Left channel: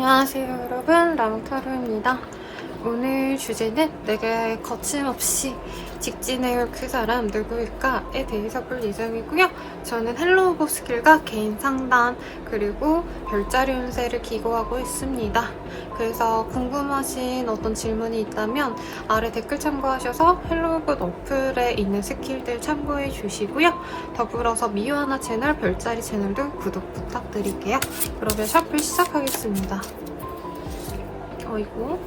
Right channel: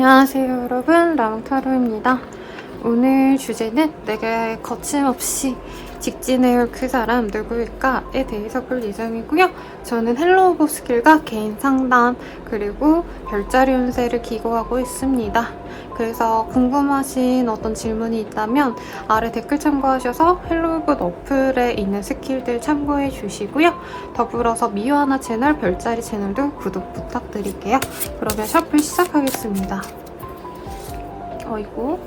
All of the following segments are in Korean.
안녕하세요 여러분, 랑타로입니다. 오늘 주제는 내가 거침없이 직진해올 그 사람 누구일까에 대해서 볼 예정이고요. 저는 헬로우 보스킬과 개인 상담 그리고 별자리 운세를 기고하고 있습니다. 그래서 궁금하신 어떤 질문이 있다면 아래 댓글 참고하셔서 헬로우굿 어플에 있는 스킬들 참고해 주시고요. 더불어서 미화나 채널, 별자리 채널도 구독 부탁드릴게요. 그러면 셔플 시작하겠습니다. 어이구.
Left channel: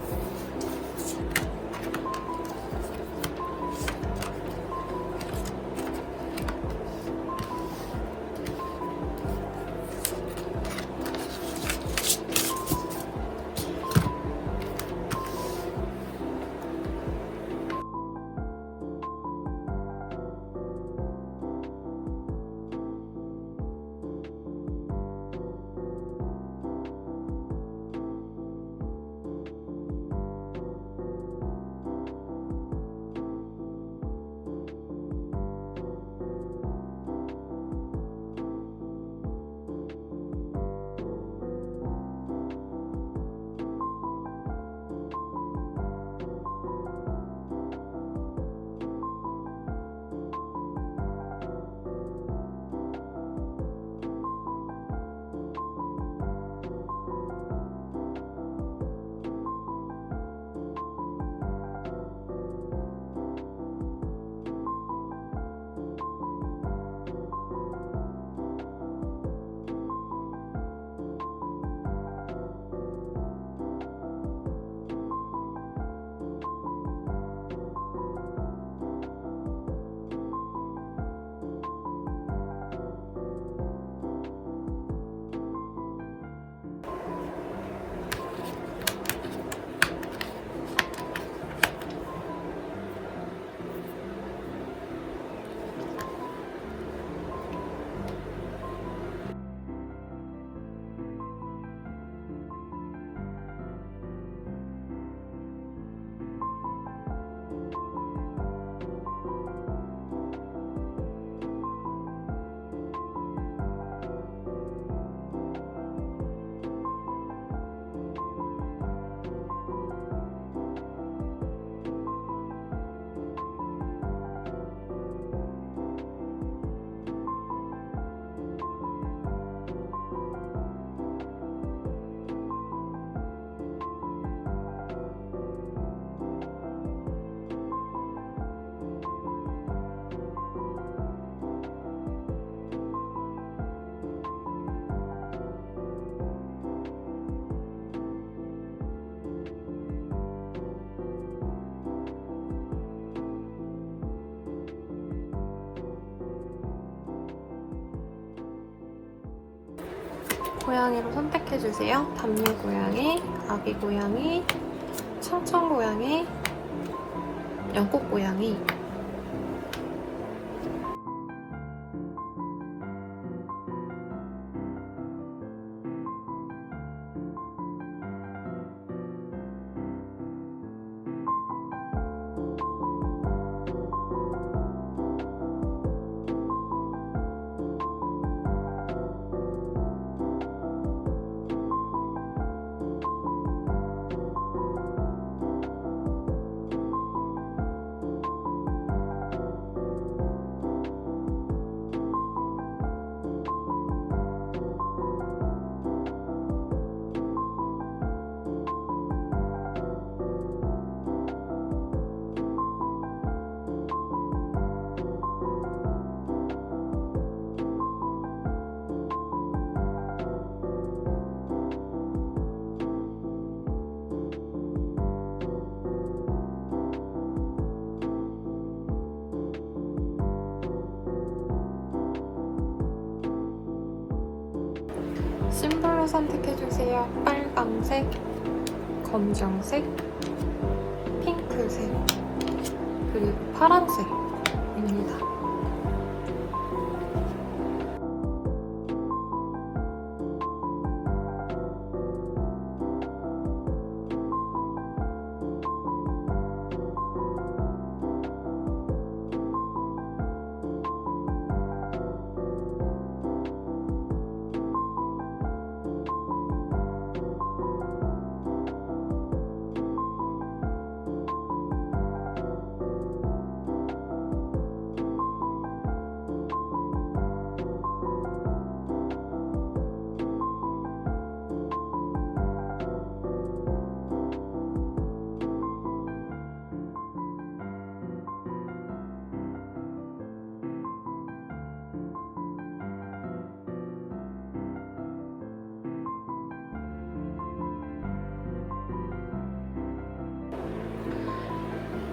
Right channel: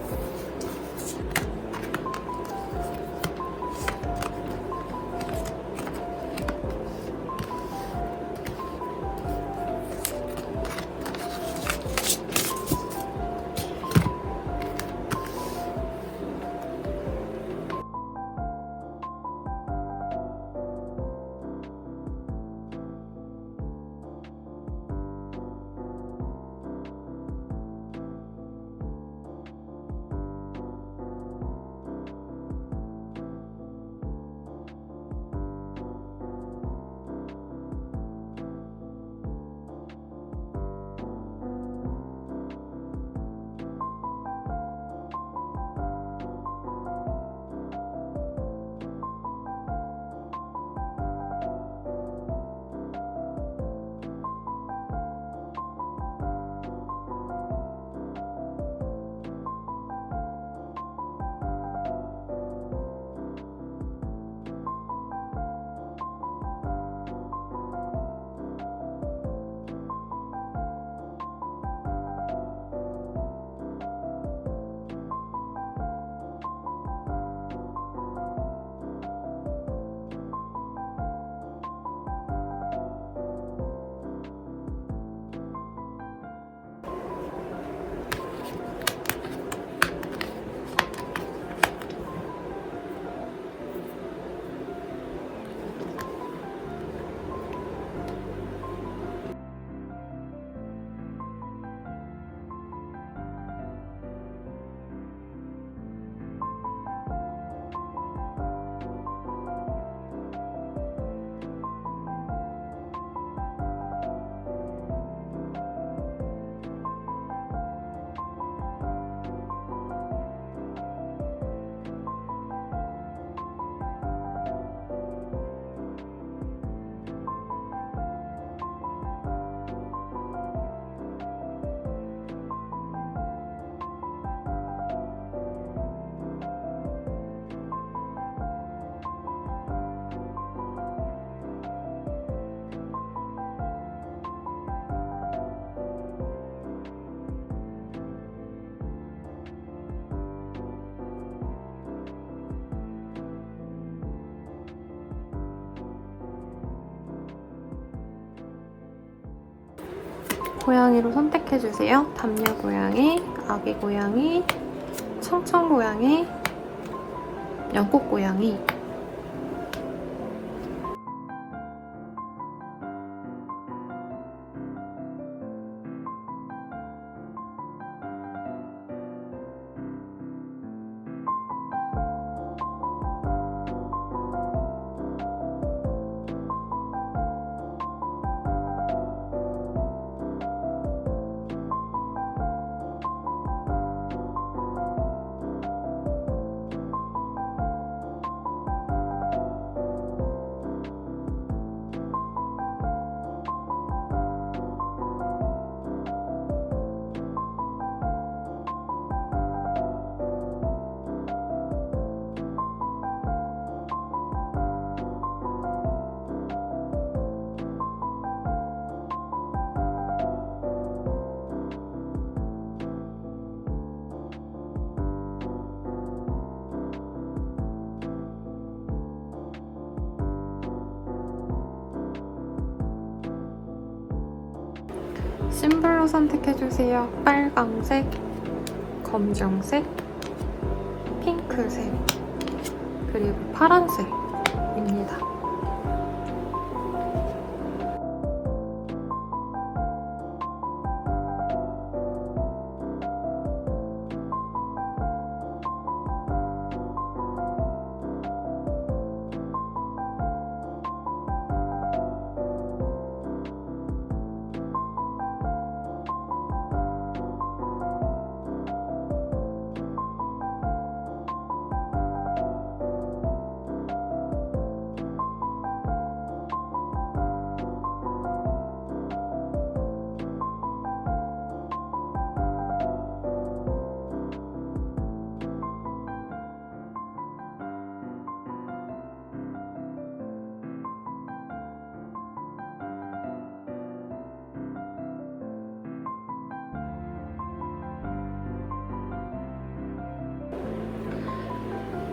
고양이로 선택해주세요. 담요 고양이, 아기 고양이, 청청 고양이, 연꽃 고양이. 심블로 선택해주세요. 빨강색, 검정색, 핑크색, 그리고 파란색입니다.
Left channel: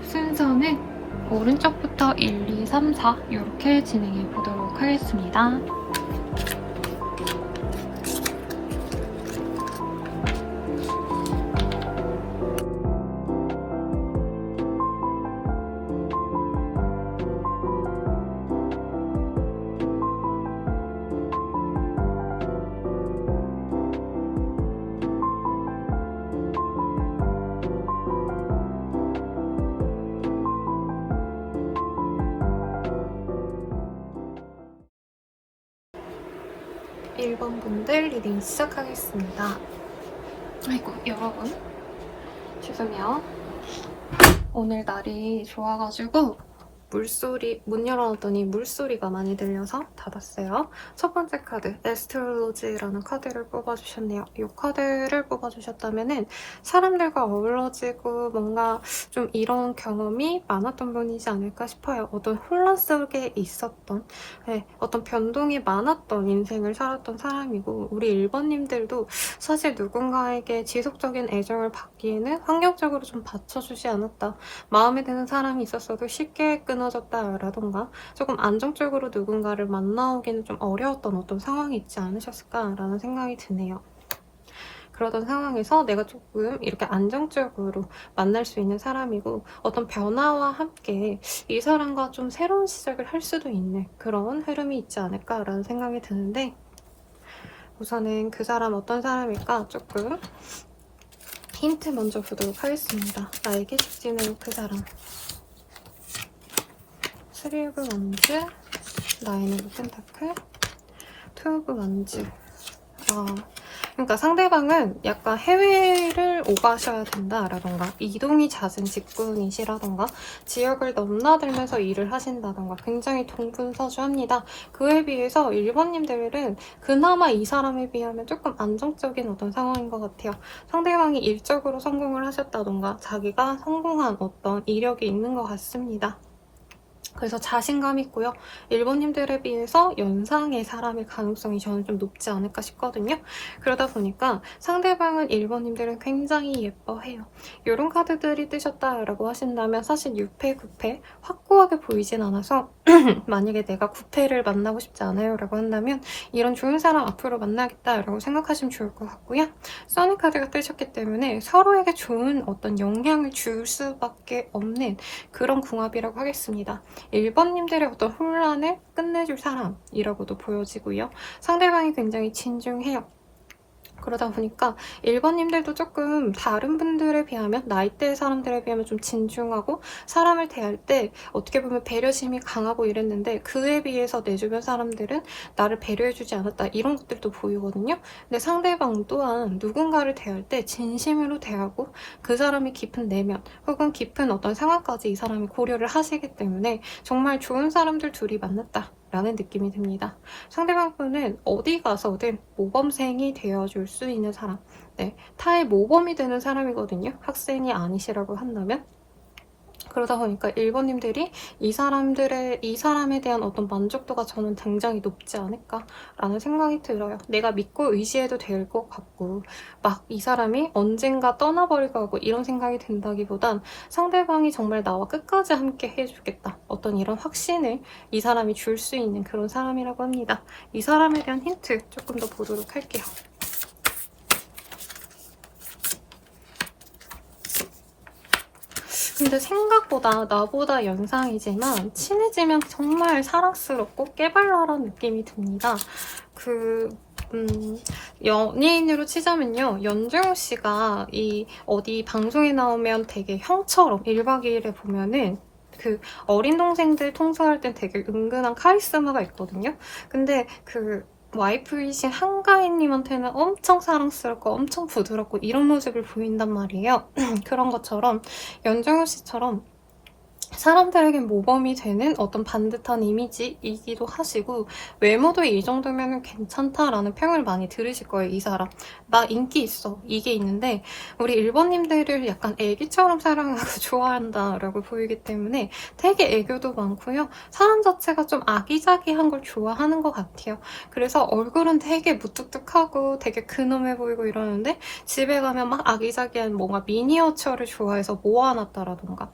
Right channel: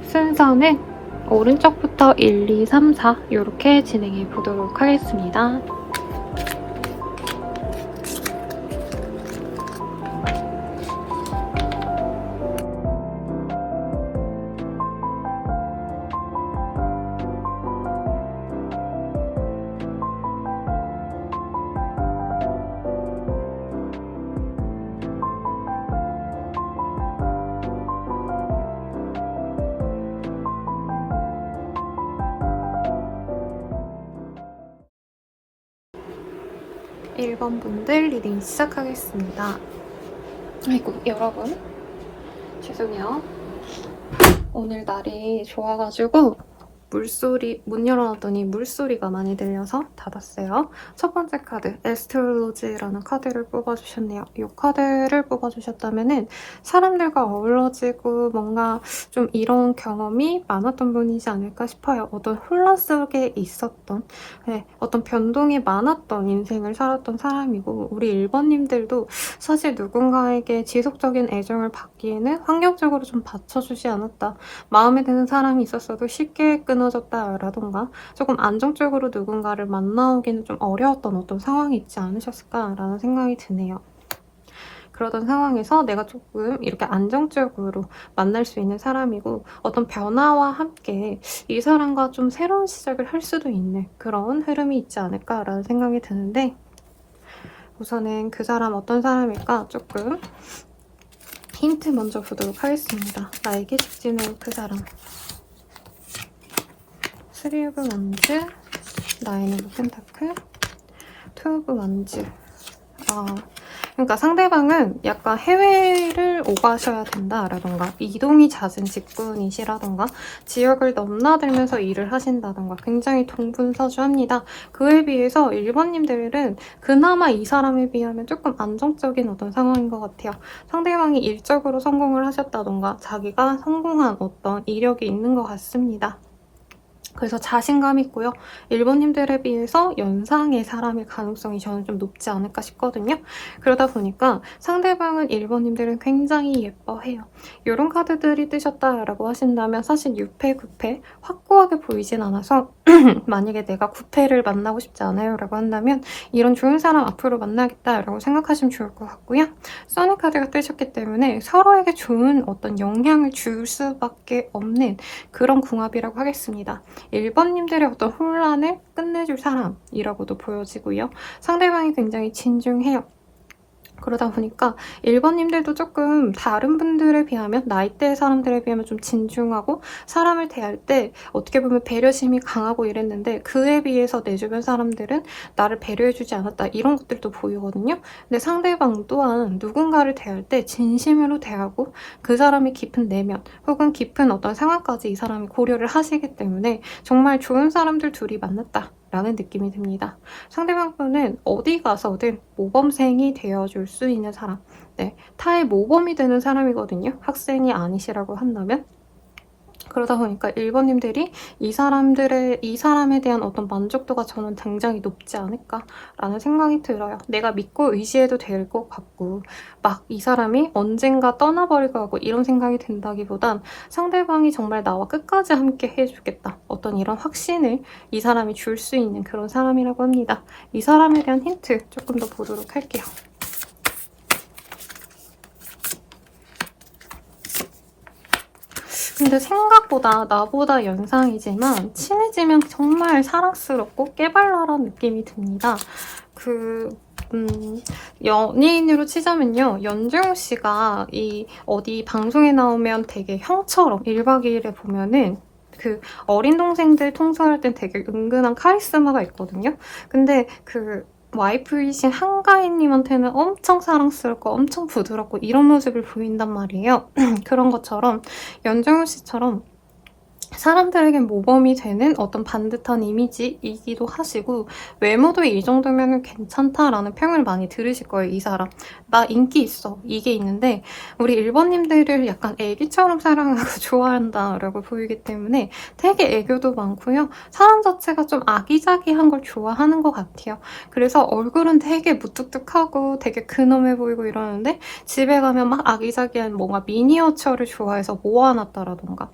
순서는 오른쪽부터 1, 2, 3, 4 이렇게 진행해 보도록 하겠습니다. 일 번 분들 리딩 시작하겠습니다. 아이고 여러분 죄송해요. 오늘 날이 좋아가지고 물소리, 문 열어놨더니 물소리가 많이 들려서 닫았어요. 첫 번째 카드, 에스트롤로지라는 카드를 뽑아주셨네요. 이 카드를 뽑아주셨다면은 사람들과 어우러지고 뭔가 좀 이런 경험이 많았던 분이지 않을까 싶어요. 어떤 혼란 속에 있었던, 어떤 변동이 많았던 인생을 살았던 사람이고, 우리 1번님들도 사실 누군가에게 지속적인 애정을 받기에는 환경적으로 좀 받쳐주지 않았다. 마음에 드는 사람이 있었어도 쉽게 끊어졌다라던가 조금 안정적으로 누군가를 만나기는 좀 어려웠던 어떤 상황이 있지 않으셨을까라는 생각이 드네요. 그러던 상황에서 내가 조금 이렇게 안정적으로 만날 수 있는 사람이고 어떤 변화와 함께 이 사람과 좀 새로운 시작을 할 수도 있는 그런 흐름이 있지 않을까라는 생각이 드는데 우선은 그 사람 어떤 사람일까 조금 힌트 먼저 보도록 하겠습니다. 나에게 직진할 그 사람. 스리 오브 원즈, 나인 오브 펜타클, 투 오브 원즈. 그러니까 상대방은 약간 해외를 오가셔야 된다라던가 이동이 잦은 직군이시라던가 지역을 넘나들면서 일을 하신다던가 굉장히 동분서주합니다. 그에 비해서 1번님들은 그나마 이 사람에 비하면 조금 안정적인 어떤 상황인 것 같아요. 상대방이 일적으로 성공을 하셨다던가 자기가 성공한 어떤 이력이 있는 것 같습니다. 그래서 자신감 있고요. 1번님들에 비해서 연상의 사람일 가능성이 저는 좀 높지 않을까 싶거든요. 그러다 보니까 상대방은 1번님들은 굉장히 예뻐해요. 이런 카드들이 뜨셨다라고 하신다면 사실 6패, 9패 확고하게 보이진 않아서 만약에 내가 9패를 만나고 싶지 않아요 라고 한다면 이런 좋은 사람 앞으로 만나겠다라고 생각하시면 좋을 것 같고요. 써니 카드가 뜨셨기 때문에 서로에게 좋은 어떤 영향을 줄 수밖에 없는 그런 궁합이라고 하겠습니다. 1번님들의 어떤 혼란을 끝내줄 사람이라고도 보여지고요. 상대방이 굉장히 진중해요. 그러다 보니까 1번님들도 조금 다른 분들에 비하면 나이대의 사람들에 비하면 좀 진중하고 사람을 대할 때 어떻게 보면 배려심이 강하고 이랬는데 그에 비해서 내 주변 사람들은 나를 배려해주지 않았다 이런 것들도 보이거든요. 근데 상대방 또한 누군가를 대할 때 진심으로 대하고 그 사람이 깊은 내면 혹은 깊은 어떤 상황까지 이 사람이 고려를 하시기 때문에 정말 좋은 사람들 둘이 만났다 라는 느낌이 듭니다. 상대방분은 어디 가서든 모범생이 되어줄 수 있는 사람, 타의 모범이 되는 사람이거든요. 학생이 아니시라고 한다면. 그러다 보니까 1번님들이 이 사람에 대한 어떤 만족도가 저는 굉장히 높지 않을까라는 생각이 들어요. 내가 믿고 의지해도 될 것 같고 막 이 사람이 언젠가 떠나버릴 것 같고 이런 생각이 든다기보단 상대방이 정말 나와 끝까지 함께 해주겠다. 어떤 이런 확신을 이 사람이 줄 수 있는 그런 사람이라고 합니다. 이 사람에 대한 힌트 조금 더 보도록 할게요. 근데 생각보다 나보다 연상이지만 친해지면 정말 사랑스럽고 깨발랄한 느낌이 듭니다. 연예인으로 치자면요. 연주용 씨가 어디 방송에 나오면 되게 형처럼 1박 2일에 보면은 그 어린 동생들 통솔할 땐 되게 은근한 카리스마가 있거든요. 근데 와이프이신 한가인님한테는 엄청 사랑스럽고 엄청 부드럽고 이런 모습을 보인단 말이에요. 그런 것처럼 연정현 씨처럼 사람들에게 모범이 되는 어떤 반듯한 이미지이기도 하시고 외모도 이 정도면 괜찮다라는 평을 많이 들으실 거예요. 이 사람 나 인기 있어 이게 있는데 우리 1번님들을 약간 애기처럼 사랑하고 좋아한다라고 보이기 때문에 되게 애교도 많고요. 사람 자체가 좀 아기자기한 걸 좋아하는 것 같아요. 그래서 얼굴은 되게 무뚝뚝하고 되게 근엄해 보이고 이러는데 집에 가면 막 아기자기한 뭔가 미니어처를 좋아해서 모아놨다라던가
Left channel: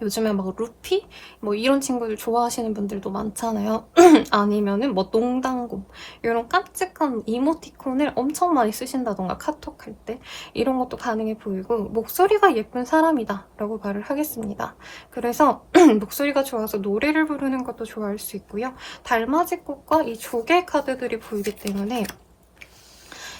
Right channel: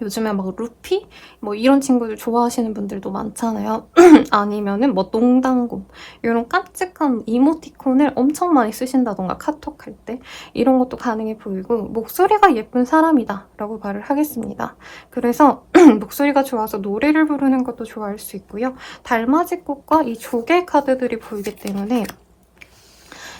요즘에 막 루피? 뭐 이런 친구들 좋아하시는 분들도 많잖아요. 아니면은 뭐 농당곰 이런 깜찍한 이모티콘을 엄청 많이 쓰신다던가 카톡 할 때 이런 것도 가능해 보이고 목소리가 예쁜 사람이다 라고 말을 하겠습니다. 그래서 목소리가 좋아서 노래를 부르는 것도 좋아할 수 있고요. 달맞이 꽃과 이 조개 카드들이 보이기 때문에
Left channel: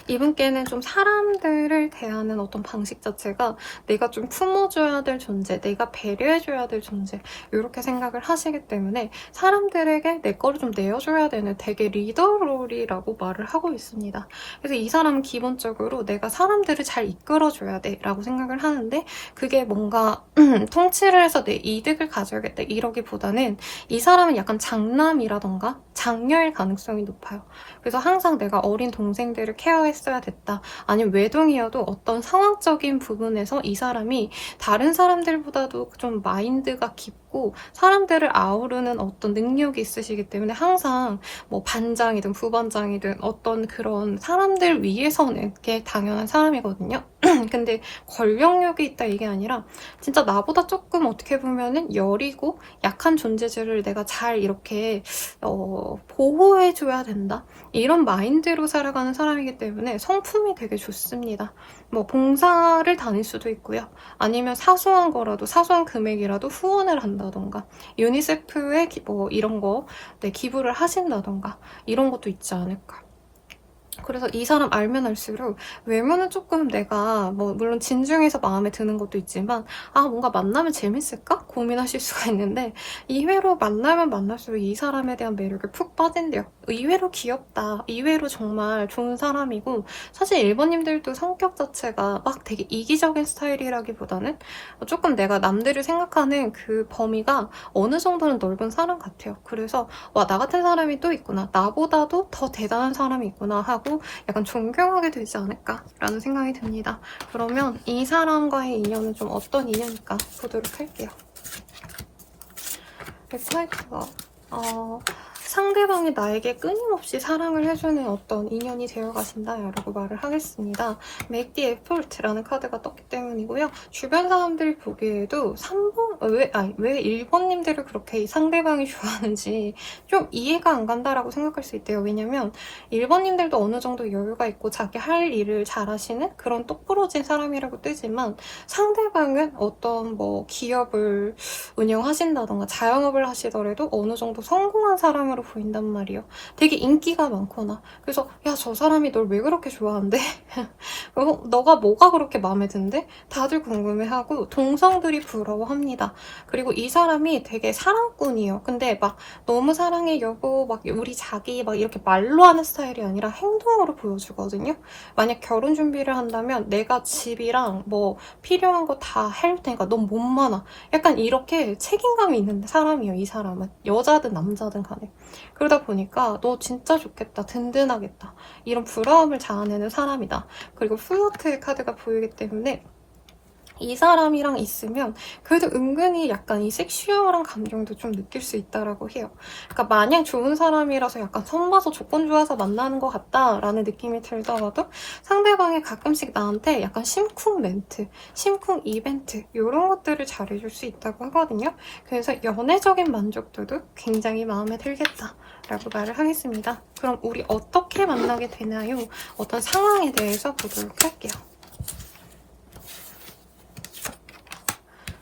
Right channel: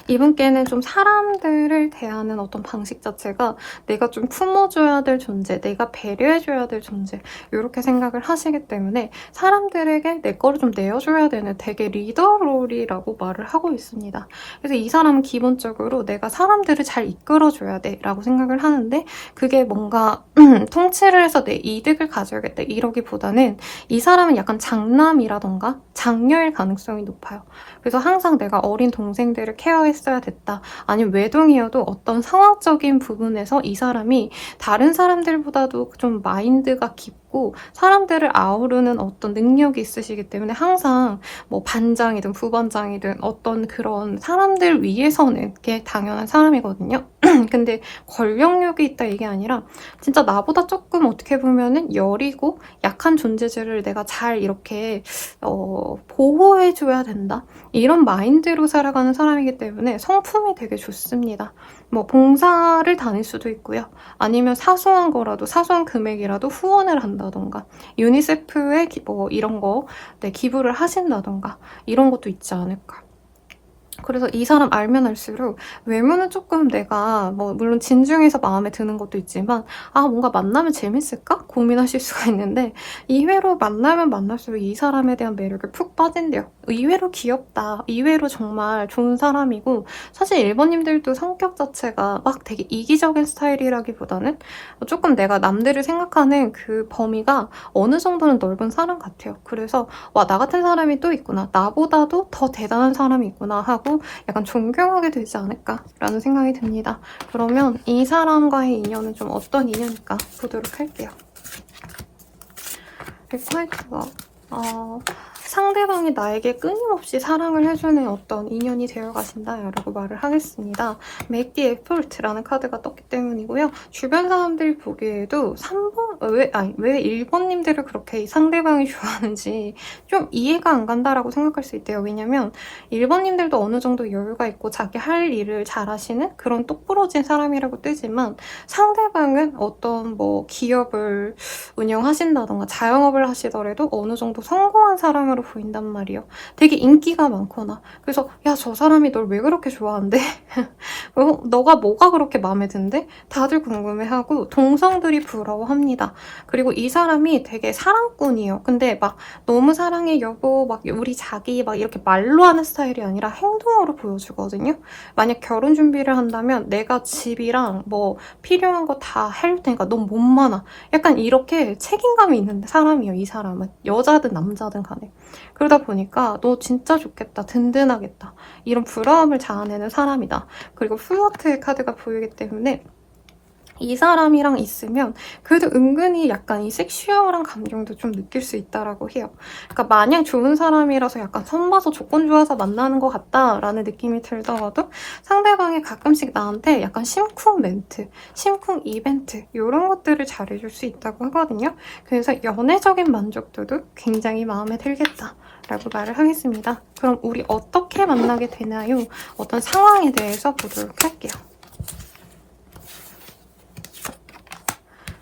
이분께는 좀 사람들을 대하는 어떤 방식 자체가 내가 좀 품어줘야 될 존재, 내가 배려해줘야 될 존재 이렇게 생각을 하시기 때문에 사람들에게 내 거를 좀 내어줘야 되는 되게 리더롤이라고 말을 하고 있습니다. 그래서 이 사람은 기본적으로 내가 사람들을 잘 이끌어줘야 돼 라고 생각을 하는데 그게 뭔가 통치를 해서 내 이득을 가져야겠다 이러기보다는 이 사람은 약간 장남이라던가 장녀일 가능성이 높아요. 그래서 항상 내가 어린 동생들을 케어했어야 됐다. 아니면 외동이어도 어떤 상황적인 부분에서 이 사람이 다른 사람들보다도 좀 마인드가 깊고 사람들을 아우르는 어떤 능력이 있으시기 때문에 항상 뭐 반장이든 부반장이든 어떤 그런 사람들 위해서는 게 당연한 사람이거든요. 근데 권력력이 있다 이게 아니라 진짜 나보다 조금 어떻게 보면은 여리고 약한 존재들을 내가 잘 이렇게 보호해줘야 된다. 이런 마인드로 살아가는 사람이기 때문에 성품이 되게 좋습니다. 뭐 봉사를 다닐 수도 있고요. 아니면 사소한 거라도 사소한 금액이라도 후원을 한다던가 유니세프에 뭐 이런 거 기부를 하신다던가 이런 것도 있지 않을까. 그래서 이 사람 알면 알수록 외모는 조금 내가 뭐 물론 진중해서 마음에 드는 것도 있지만 뭔가 만나면 재밌을까? 고민하실 수가 있는데 의외로 만나면 만날수록 이 사람에 대한 매력에 푹 빠진대요. 의외로 귀엽다. 의외로 정말 좋은 사람이고 사실 일본님들도 성격 자체가 막 되게 이기적인 스타일이라기보다는 조금 내가 남들을 생각하는 그 범위가 어느 정도는 넓은 사람 같아요. 그래서 와, 나 같은 사람이 또 있구나. 나보다도 더 대단한 사람이 있구나 하고 약간 존경하게 되지 않을까라는 생각이 듭니다. 그러면 이 사람과의 인연은 좀 어떤 인연일까 보도록 할게요. 백화이트가 상대방이 나에게 끊임없이 사랑을 해주는 어떤 인연이 되어 가신다 라고 말을 하겠습니다. Make the effort라는 카드가 떴기 때문이고요. 주변 사람들이 보기에도 3번, 왜 일본님들을 그렇게 이 상대방이 좋아하는지 좀 이해가 안 간다라고 생각할 수 있대요. 왜냐면 일본님들도 어느 정도 여유가 있고 자기 할 일을 잘하시는 그런 똑부러진 사람이라고 뜨지만 상대방은 어떤 뭐 기업을 운영하신다던가 자영업을 하시더라도 어느 정도 성공한 사람으로 보인단 말이에요. 되게 인기가 많거나 그래서 야, 저 사람이 널 왜 그렇게 좋아한대? 너가 뭐가 그렇게 마음에 든대? 다들 궁금해하고 동성들이 부러워합니다. 그리고 이 사람이 되게 사랑꾼이에요. 근데 막 너무 사랑해 여보 막 우리 자기 막 이렇게 말로 하는 스타일이 아니라 행동으로 보여주거든요. 만약 결혼 준비를 한다면 내가 집이랑 뭐 필요한 거 다 할 테니까 넌 몸만 약간 이렇게 책임감이 있는 사람이에요. 이 사람은 여자든 남자든 간에. 그러다 보니까 너 진짜 좋겠다, 든든하겠다 이런 부러움을 자아내는 사람이다. 그리고 플러트의 카드가 보이기 때문에 이 사람이랑 있으면 그래도 은근히 약간 이 섹슈얼한 감정도 좀 느낄 수 있다라고 해요. 그러니까 마냥 좋은 사람이라서 약간 선봐서 조건 좋아서 만나는 것 같다라는 느낌이 들더라도 상대방이 가끔씩 나한테 약간 심쿵 멘트, 심쿵 이벤트 이런 것들을 잘해줄 수 있다고 하거든요. 그래서 연애적인 만족도도 굉장히 마음에 들겠다. 라고 말을 하겠습니다. 그럼 우리 어떻게 만나게 되나요? 어떤 상황에 대해서 보도록 할게요.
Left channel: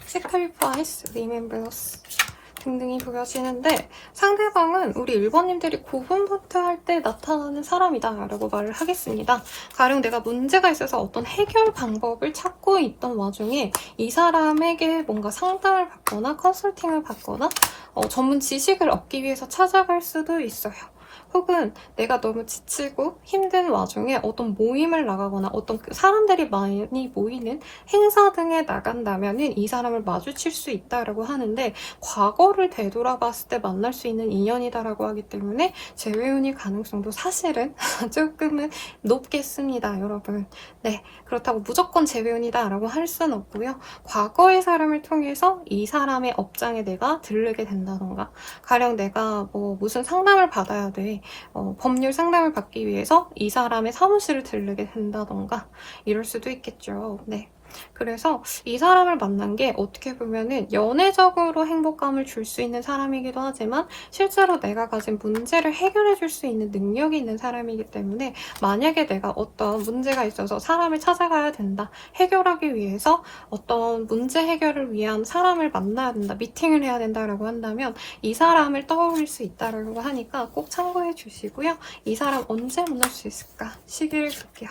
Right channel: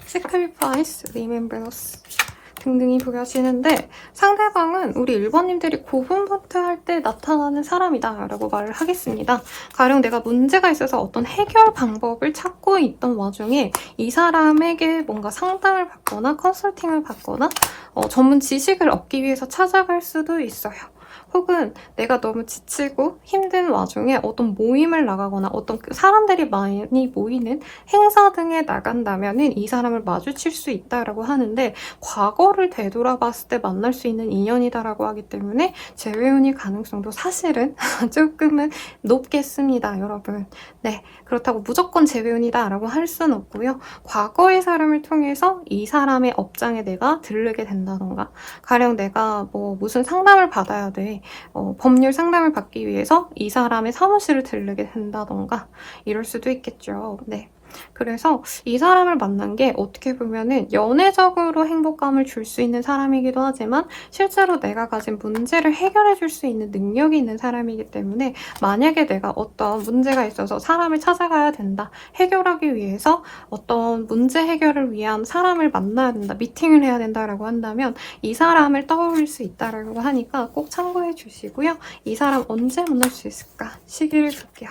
Sacrifice, Remember Us 등등이 보여지는데 상대방은 우리 일본님들이 고군분투할 때 나타나는 사람이다 라고 말을 하겠습니다. 가령 내가 문제가 있어서 어떤 해결 방법을 찾고 있던 와중에 이 사람에게 뭔가 상담을 받거나 컨설팅을 받거나 전문 지식을 얻기 위해서 찾아갈 수도 있어요. 혹은 내가 너무 지치고 힘든 와중에 어떤 모임을 나가거나 어떤 사람들이 많이 모이는 행사 등에 나간다면 이 사람을 마주칠 수 있다라고 하는데 과거를 되돌아봤을 때 만날 수 있는 인연이다라고 하기 때문에 재회운일 가능성도 사실은 조금은 높겠습니다, 여러분. 네, 그렇다고 무조건 재회운이다 라고 할 수는 없고요. 과거의 사람을 통해서 이 사람의 업장에 내가 들르게 된다던가 가령 내가 뭐 무슨 상담을 받아야 돼. 법률 상담을 받기 위해서 이 사람의 사무실을 들르게 된다던가 이럴 수도 있겠죠. 네. 그래서 이 사람을 만난 게 어떻게 보면은 연애적으로 행복감을 줄 수 있는 사람이기도 하지만 실제로 내가 가진 문제를 해결해 줄 수 있는 능력이 있는 사람이기 때문에 만약에 내가 어떤 문제가 있어서 사람을 찾아가야 된다. 해결하기 위해서 어떤 문제 해결을 위한 사람을 만나야 된다. 미팅을 해야 된다라고 한다면 이 사람을 떠올릴 수 있다라고 하니까 꼭 참고해 주시고요. 이 사람 언제 만날 수 있을까? 시기를 볼게요.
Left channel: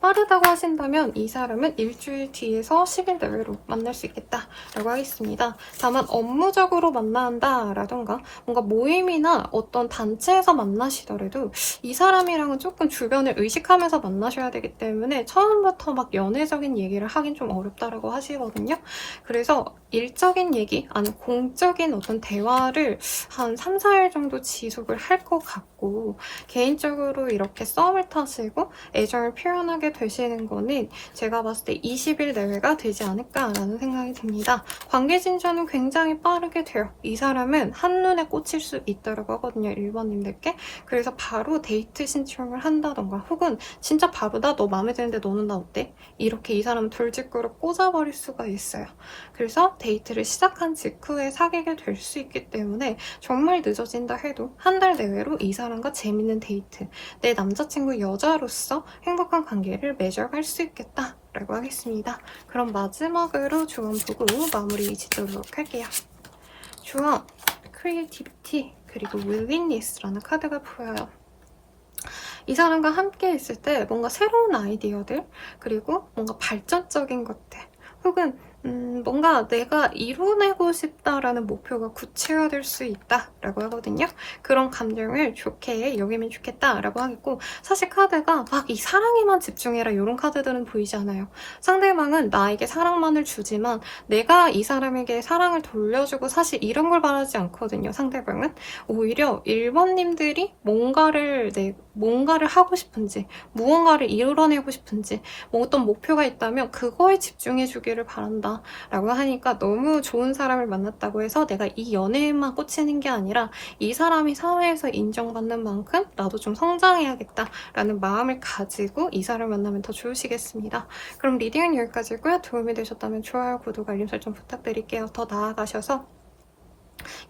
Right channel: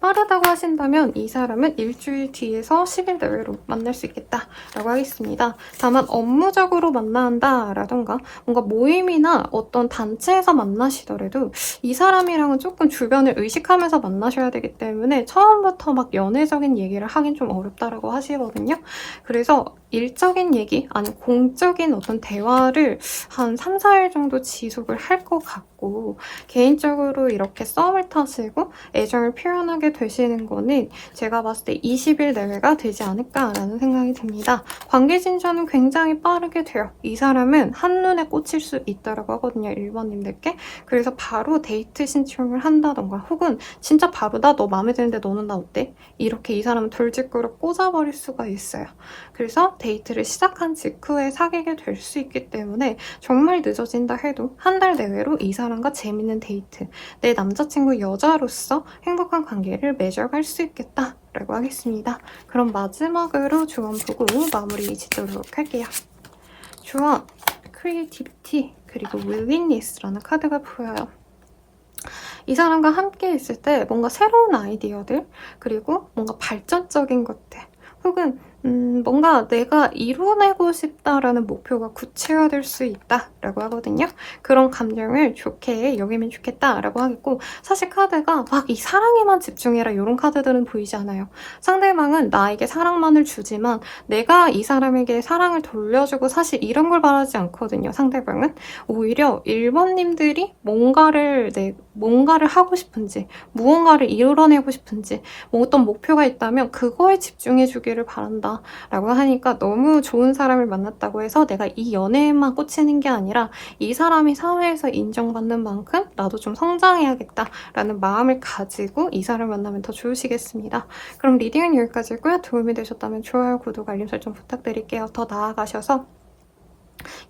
빠르다고 하신다면 이 사람은 일주일 뒤에서 10일 내외로 만날 수 있겠다라고 하겠습니다. 다만 업무적으로 만난다라던가 뭔가 모임이나 어떤 단체에서 만나시더라도 이 사람이랑은 조금 주변을 의식하면서 만나셔야 되기 때문에 처음부터 막 연애적인 얘기를 하긴 좀 어렵다라고 하시거든요. 그래서 일적인 얘기, 아니 공적인 어떤 대화를 한 3, 4일 정도 지속을 할 것 같고 개인적으로 이렇게 썸을 타시고 애정을 표현하게 되시는 거는 제가 봤을 때 20일 내외가 되지 않을까라는 생각이 듭니다. 관계 진전은 굉장히 빠르게 돼요. 이 사람은 한눈에 꽂힐 수 있다라고 하거든요. 일반님들께. 그래서 바로 데이트 신청을 한다던가 혹은 진짜 바로다 너 마음에 드는데 너는 나 어때? 이렇게 이 사람은 돌직구를 꽂아버릴 수가 있어요. 그래서 데이트를 시작한 직후에 사귀게 될 수 있기 때문에 정말 늦어진다 해도 한 달 내외로 이 사람과 재밌는 데이트, 내 남자친구 여자로서 행복한 관계를 맺어갈 수 있겠다라고 하겠습니다. 그럼 마지막으로 주원 보고 마무리 짓도록 할게요. 주원, 크리에이티비티, 그리고 윌링니스라는 카드가 보여요. 이 사람과 함께 있을 때 뭔가 새로운 아이디어들, 그리고 뭔가 발전적인 것들, 혹은 뭔가 내가 이뤄내고 싶다라는 목표가 구체화될 수 있다라고 하거든요. 그런 감정을 좋게 여기면 좋겠다라고 하겠고 사실 카드가 막 이 사랑에만 집중해라 이런 카드들은 보이지 않아요. 상대방은 나에게 사랑만을 주지만 내가 이 사람에게 사랑을 돌려주고 사실 이런 걸 바라지 않거든요. 상대방은 오히려 1번님들이 뭔가를 하고 싶은지 무언가를 이뤄내고 싶은지 뭐 어떤 목표가 있다면 그거에 집중해 주기를 바란다 라고 하니까 너무 좋은 사람을 만났다고 해서 내가 이 연애에만 꽂히는 게 아니라 이 사람이 사회에서 인정받는 만큼 나도 좀 성장해야겠다라는 마음을 가지고 이 사람을 만나면 더 좋으시겠습니다. 그럼 리딩은 여기까지고요. 도움이 되셨다면 좋아요, 구독, 알림 설정 부탁드릴게요. 더 나아가셔서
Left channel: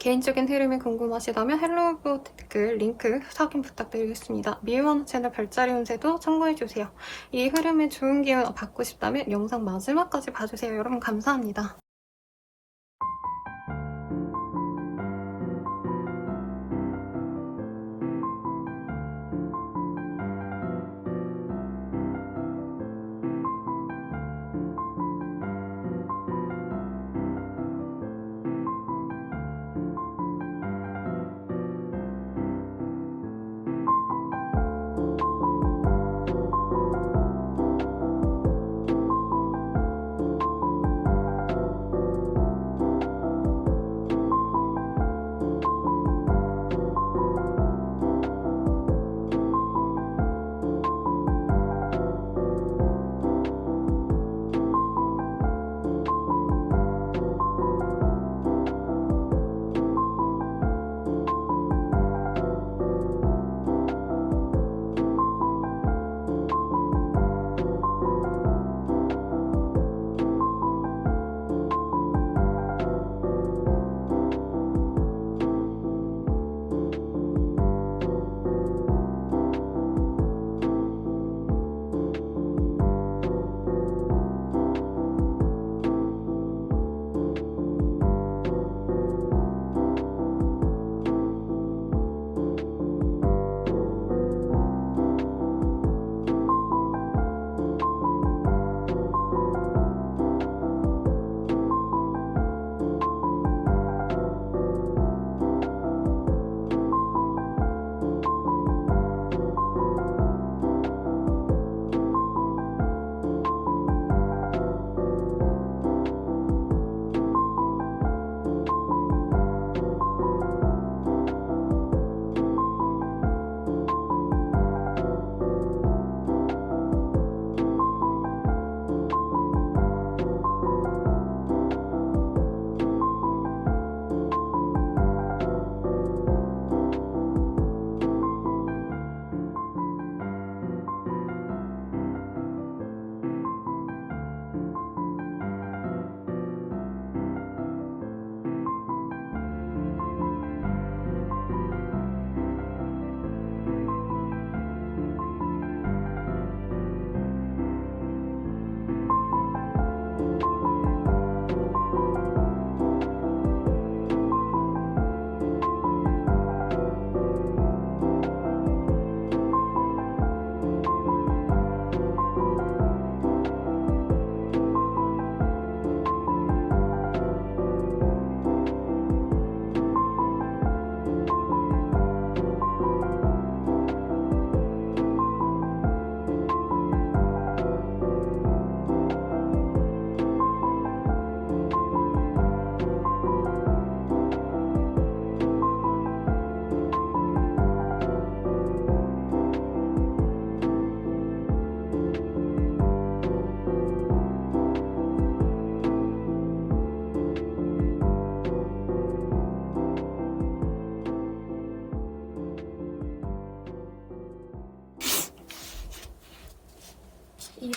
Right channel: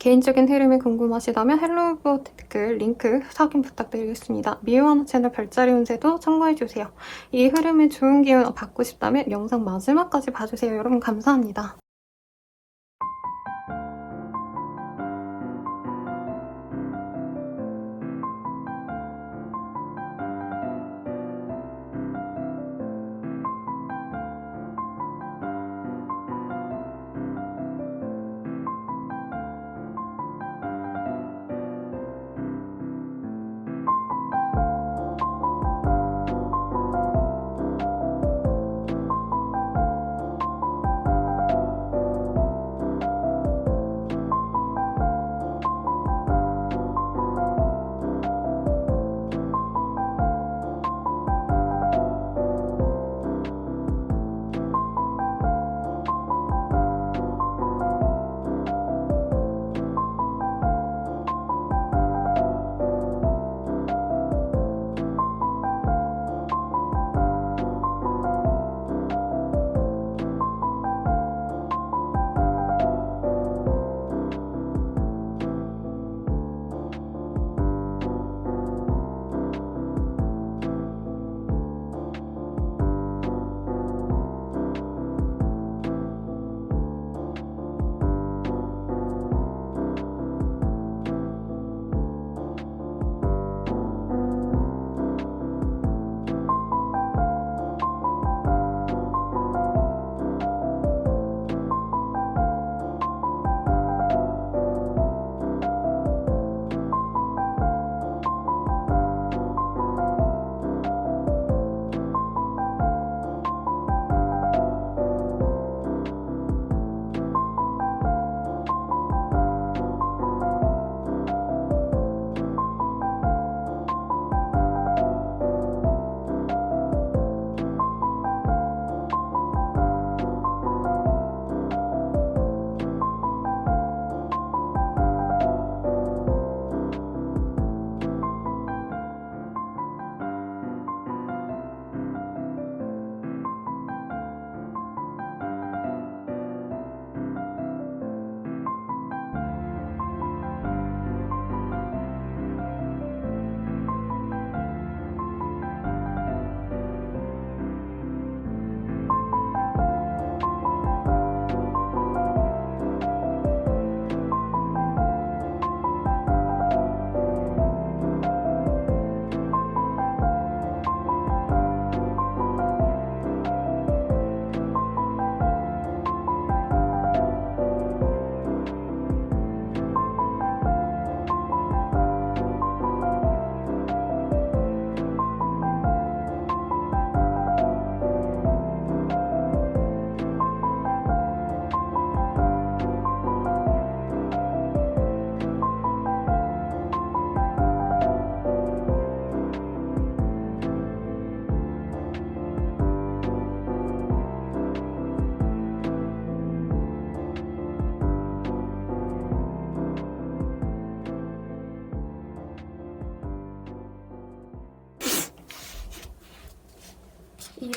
개인적인 흐름이 궁금하시다면 헬로우 댓글 링크 확인 부탁드리겠습니다. 미우아무 채널 별자리 운세도 참고해주세요. 이 흐름에 좋은 기운 받고 싶다면 영상 마지막까지 봐주세요. 여러분 감사합니다.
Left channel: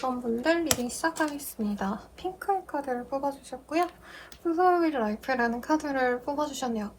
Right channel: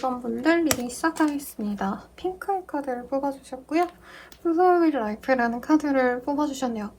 2번 분들 리딩 시작하겠습니다. 핑크의 카드를 뽑아주셨고요. 플로우의 라이프라는 카드를 뽑아주셨네요.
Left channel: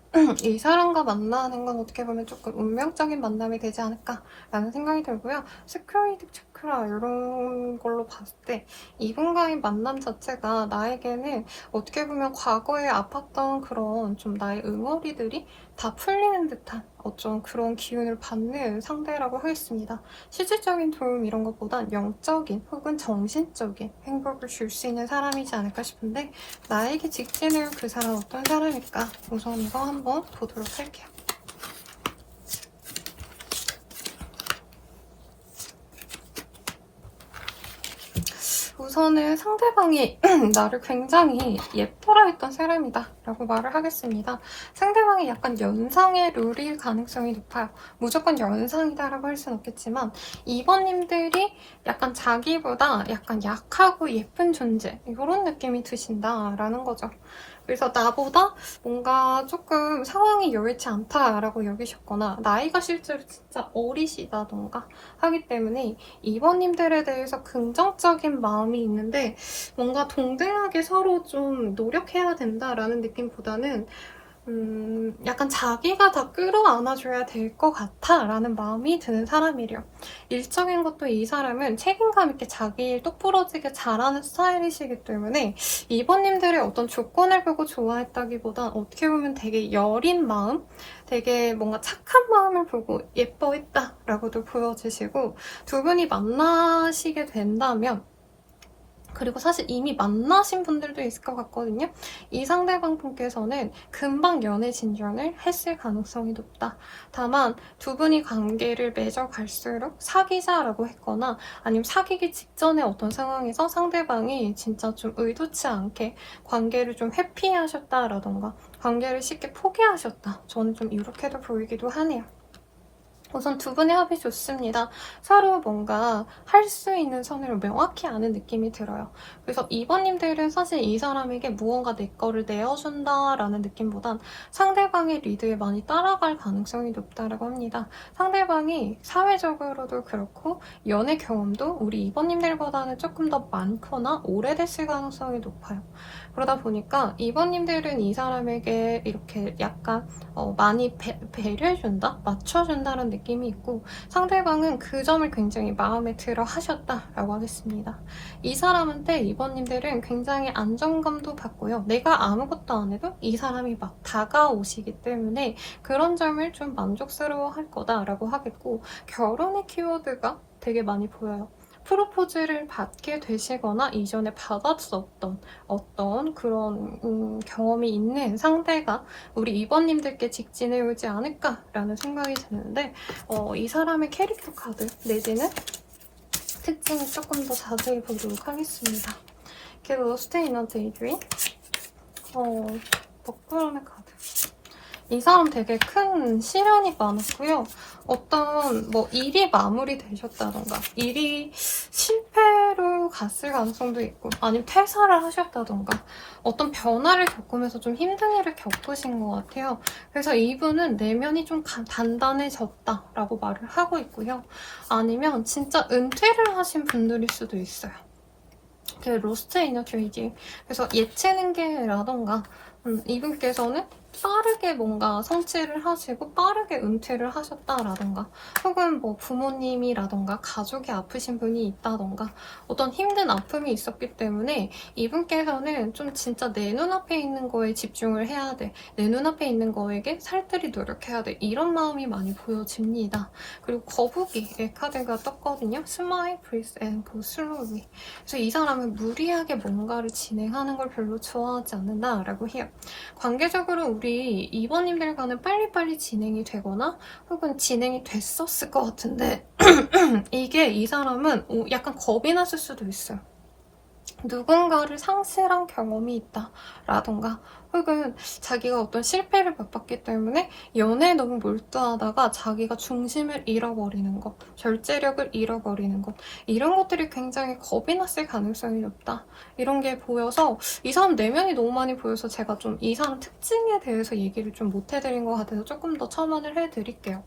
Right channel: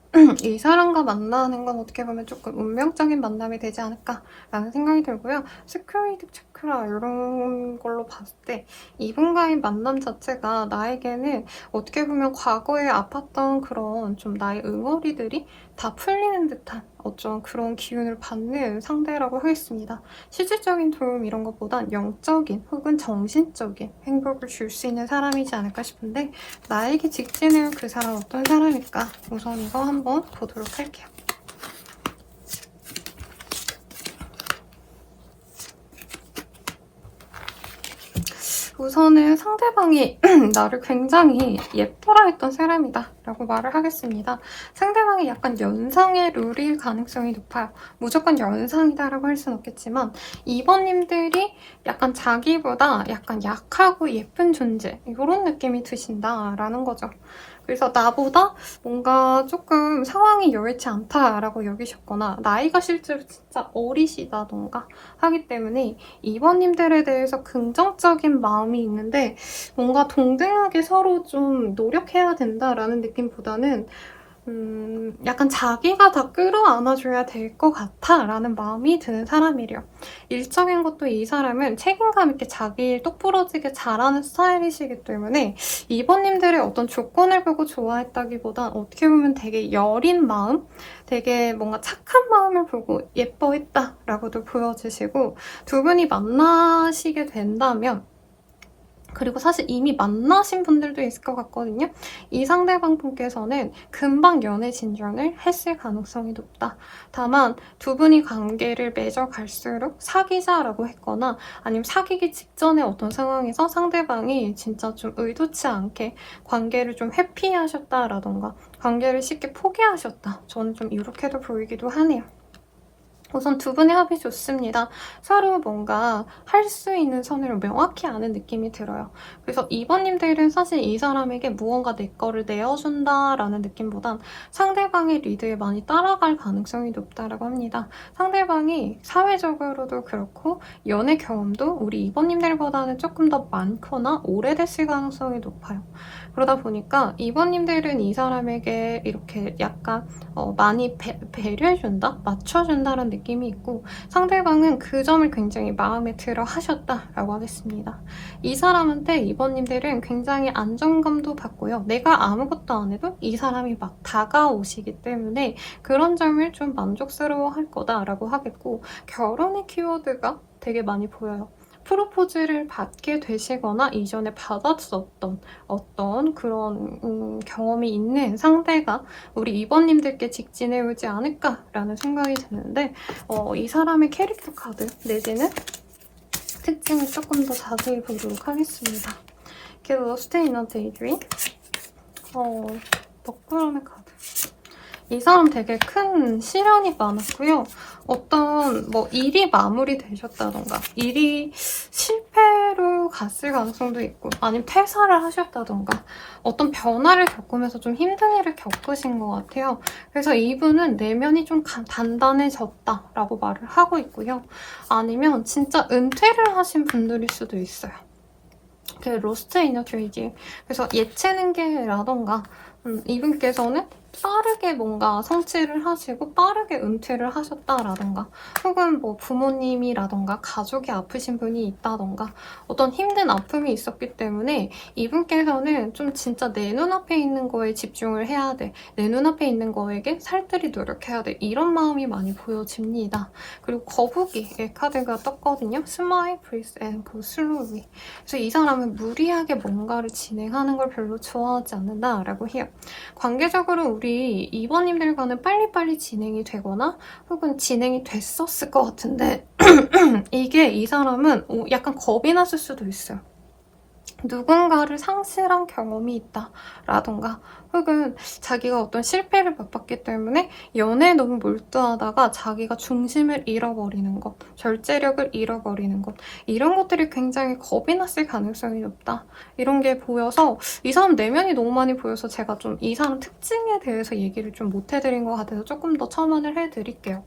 이 사람과 만나는 건 어떻게 보면 조금 운명적인 만남이 되지 않을까라는 생각이 들고요. 스크리드 체크라 이런 걸로 봤을 때 이분과의 만남 자체가 나에게는 어떻게 보면 과거에 아팠던 그런 좀 나의 응어리들이 다 풀리는 듯한 어떤 그런 기운을 받는 상대라고 하겠습니다. 실질적인 도움 이런 것보단 영적인 혹은 정신적인 행복을 줄 수 있는 사람이지 않을까 싶은데 나에게 직진해온 그 사람 어떤 사람일까? 우선 이거 한번 보도록 할게요. 우선은 상대방이 나를 굉장히 예뻐라 했던 사람이다 라고 말을 하겠습니다. 상대방이 약간 연상의 룰일 가능성이 높아요. 무조건 연상이다 라고 할 수는 없겠지만 2번님들이 약간 자기보다 약간 약하고 예쁜 존재 이런 느낌이 드신다 라는 거죠. 그래서 나보다 뭔가 조금 상황이 여의치 않다라고 여기셨거나 나이가 실제로 진짜 어리시다던가 하기 때문에 2번님들에 대해서 긍정적인 마음이 있는데 뭔가 동등하게 서로 좀 노력해야 된다라는 느낌보다는 약간 자기가 다 끌어안아줘야 될 것 같아 라는 마음이 드는 사람이래요. 일적인 것도 이 사람은 책임감 있게 자기 일 똑부러지게 잘하는 스타일이시기 때문에 2번님들의 어떤 조건을 보고 좋아했다기보단 어떻게 보면 되게 여린 마음? 되게 뭔가 착한 마음을 보고 예뻐했다 라고도 보여지시고 두 분이 만나시게 된다면 그리고 사실 이미 만나신 분들도 있을 것 같거든요. 이 상대방 분께서는 금방 연애 진전을 했을 가능성이 높다. 다만 두 분이 관계를 맺어갈수록 사귀자라고 했거나 아니면 사귀기 직전에 어떤 상황에서 상대방이 진짜 좀 의도치 않게 관계를 좀 회피하셨다라던가 관계를 쉽게 포기하셨다. 저는 좀 이렇게도 보이기도 하네요. 우선 두 분의 합이 좋습니다. 서로 뭔가 할 수 있는 선을 명확히 아는 느낌이 들어요. 그래서 2번님들은 사실 이 사람에게 무언가 내 거를 내어준다라는 느낌보단 상대방의 리드에 많이 따라갈 가능성이 높다라고 합니다. 상대방이 사회적으로도 그렇고 연애 경험도 우리 2번님들보다는 조금 더 많거나 오래됐을 가능성이 높아요. 그러다 보니까 2번님들은 이 사람에게 이렇게 약간 많이 배려해준다? 맞춰준다는 느낌이 있고 상대방은 그 점을 굉장히 마음에 들어 하셨다라고 하겠습니다. 이 사람한테 2번님들은 굉장히 안정감도 받고요. 내가 아무것도 안 해도 이 사람이 막 다가오시기 때문에 그런 점을 좀 만족스러워 할 거다라고 하겠고 결혼의 키워드가 되게 많이 보여요. 프로포즈를 받게 되시거나 이전에 받았었던 어떤 그런 경험이 있는 상대가 우리 2번님들께 직진해 오지 않을까라는 생각이 드는데 이 사람의 캐릭터 카드 내지는 특징을 조금 더 자세히 보도록 하겠습니다. 이게 로스트 이너 데이드림 먹구름의 카드 이 사람 되게 큰 시련이 많았고요. 어떤 일이 마무리되셨다던가 일이 실패로 갔을 가능성도 있고 아니면 퇴사를 하셨다던가 어떤 변화를 겪으면서 좀 힘든 일을 겪으신 것 같아요. 그래서 이분은 내면이 좀 단단해졌다라고 말을 하고 있고요. 아니면 진짜 은퇴를 하신 분들일 수도 있어요. 그 로스트 이너 트레이딩 그래서 예체능계라던가 이분께서는 빠르게 뭔가 성취를 하시고 빠르게 은퇴를 하셨다라던가 혹은 부모님이라던가 가족이 아프신 분이 있다던가 어떤 힘든 아픔이 있었기 때문에 이분께서는 좀 진짜 내 눈앞에 있는 거에 집중을 해야 돼. 내 눈앞에 있는 거에게 살뜰히 노력해야 돼. 이런 마음이 많이 보여집니다. 그리고 거북이의 카드가 떴거든요. Smile, breathe and go slowly. 그래서 이 사람은 무리하게 뭔가를 진행하는 걸 별로 좋아하지 않는다라고 해요. 관계적으로 우리 2번님들과는 빨리빨리 진행이 되거나 혹은 진행이 됐었을 것 같은데 이게 이 사람은 약간 겁이 났을 수도 있어요. 누군가를 상실한 경험이 있다라던가 혹은 자기가 어떤 실패를 맛봤기 때문에 연애에 너무 몰두하다가 자기가 중심을 잃어버리는 것, 절제력을 잃어버리는 것 이런 것들이 굉장히 겁이 났을 가능성이 높다. 이런 게 보여서 이 사람 내면이 너무 많이 보여서 제가 좀 이 사람 특징에 대해서 얘기를 좀 못 해드린 것 같아서 조금 더 첨언을 해드릴게요.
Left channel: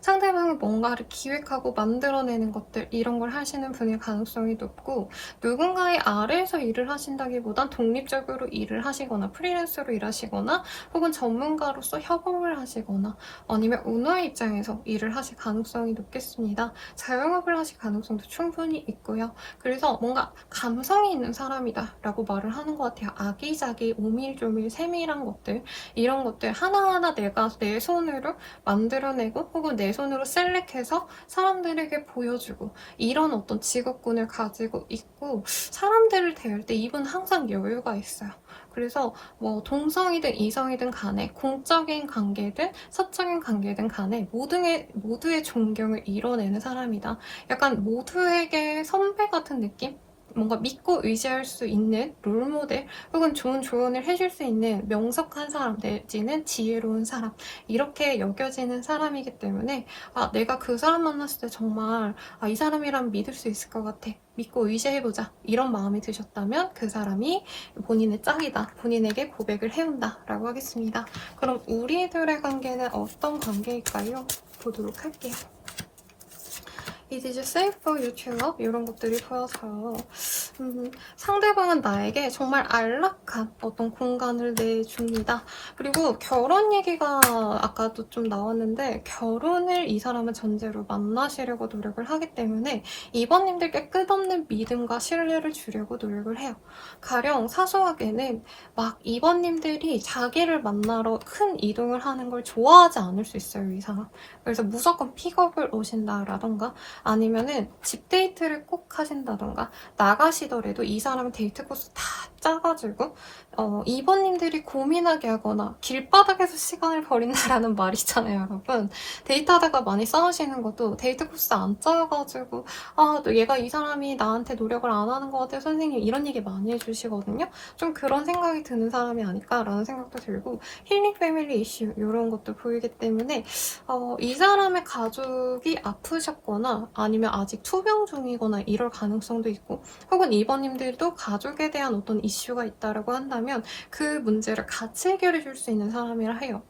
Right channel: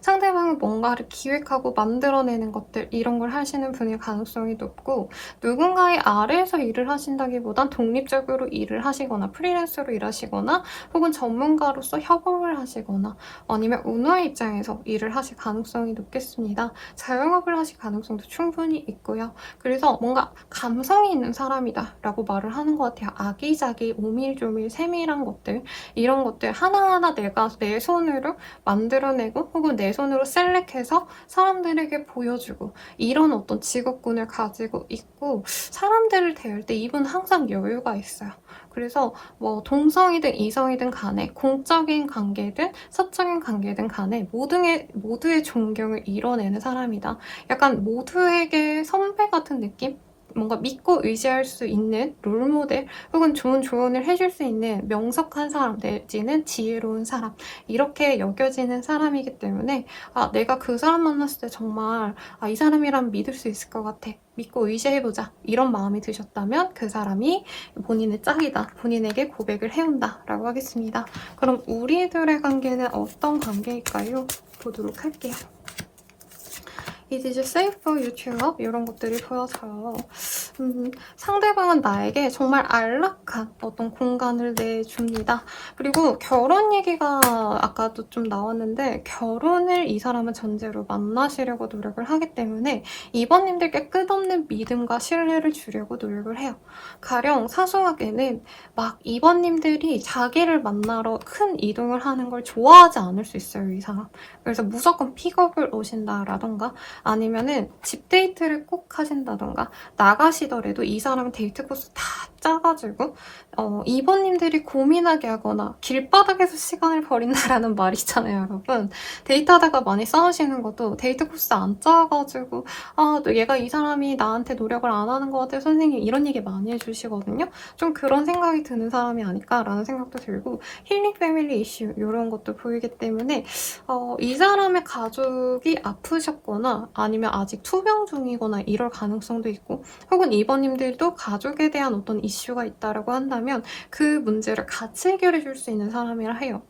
상대방이 뭔가를 기획하고 만들어내는 것들, 이런 걸 하시는 분일 가능성이 높고, 누군가의 아래에서 일을 하신다기보단 독립적으로 일을 하시거나 프리랜서로 일하시거나 혹은 전문가로서 협업을 하시거나 아니면 오너의 입장에서 일을 하실 가능성이 높겠습니다. 자영업을 하실 가능성도 충분히 있고요. 그래서 뭔가 감성이 있는 사람이다 라고 말을 하는 것 같아요. 아기자기 오밀조밀 세밀한 것들, 이런 것들 하나하나 내가 내 손으로 만들어내고 혹은 내 손으로 셀렉해서 사람들에게 보여주고, 이런 어떤 직업군을 가지고 있고, 사람들을 대할 때 이분 항상 여유가 있어요. 그래서 뭐 동성이든 이성이든 간에, 공적인 관계든 사적인 관계든 간에 모두의 존경을 이뤄내는 사람이다. 약간 모두에게 선배 같은 느낌? 뭔가 믿고 의지할 수 있는 롤모델 혹은 좋은 조언을 해줄 수 있는 명석한 사람 내지는 지혜로운 사람, 이렇게 여겨지는 사람이기 때문에 내가 그 사람 만났을 때 정말 이 사람이라면 믿을 수 있을 것 같아, 믿고 의지해보자, 이런 마음이 드셨다면 그 사람이 본인의 짝이다, 본인에게 고백을 해온다 라고 하겠습니다. 그럼 우리들의 관계는 어떤 관계일까요? 보도록 할게요. Is it safe for you to love? 이런 것들이 보여져요. 상대방은 나에게 정말 안락한 어떤 공간을 내줍니다. 그리고 결혼 얘기가 아까도 좀 나왔는데, 결혼을 이 사람은 전제로 만나시려고 노력을 하기 때문에 이번님들께 끝없는 믿음과 신뢰를 주려고 노력을 해요. 가령 사소하게는 막 이번님들이 자기를 만나러 큰 이동을 하는 걸 좋아하지 않을 수 있어요, 이 사람. 그래서 무조건 픽업을 오신다라던가 아니면은 집 데이트를 꼭 하신다던가, 나가시더라도 이 사람 데이트 코스 다 짜가지고 이번님들이 고민하게 하거나 길바닥에서 시간을 버린다라는 말 있잖아요, 여러분. 데이트하다가 많이 싸우시는 것도 데이트 코스 안 짜가지고 얘가 이 사람이 나한테 노력을 안 하는 것 같아 선생님, 이런 얘기 많이 해주시거든요. 좀 그런 생각이 드는 사람이 아닐까라는 생각도 들고, 힐링 패밀리 이슈 이런 것도 보이기 때문에 이 사람의 가족이 아프셨거나 아니면 아직 투병 중이거나 이럴 가능성도 있고, 혹은 이번님들도 가족에 대한 어떤 이슈가 있다라고 한다면 그 문제를 같이 해결해 줄 수 있는 사람이라 해요.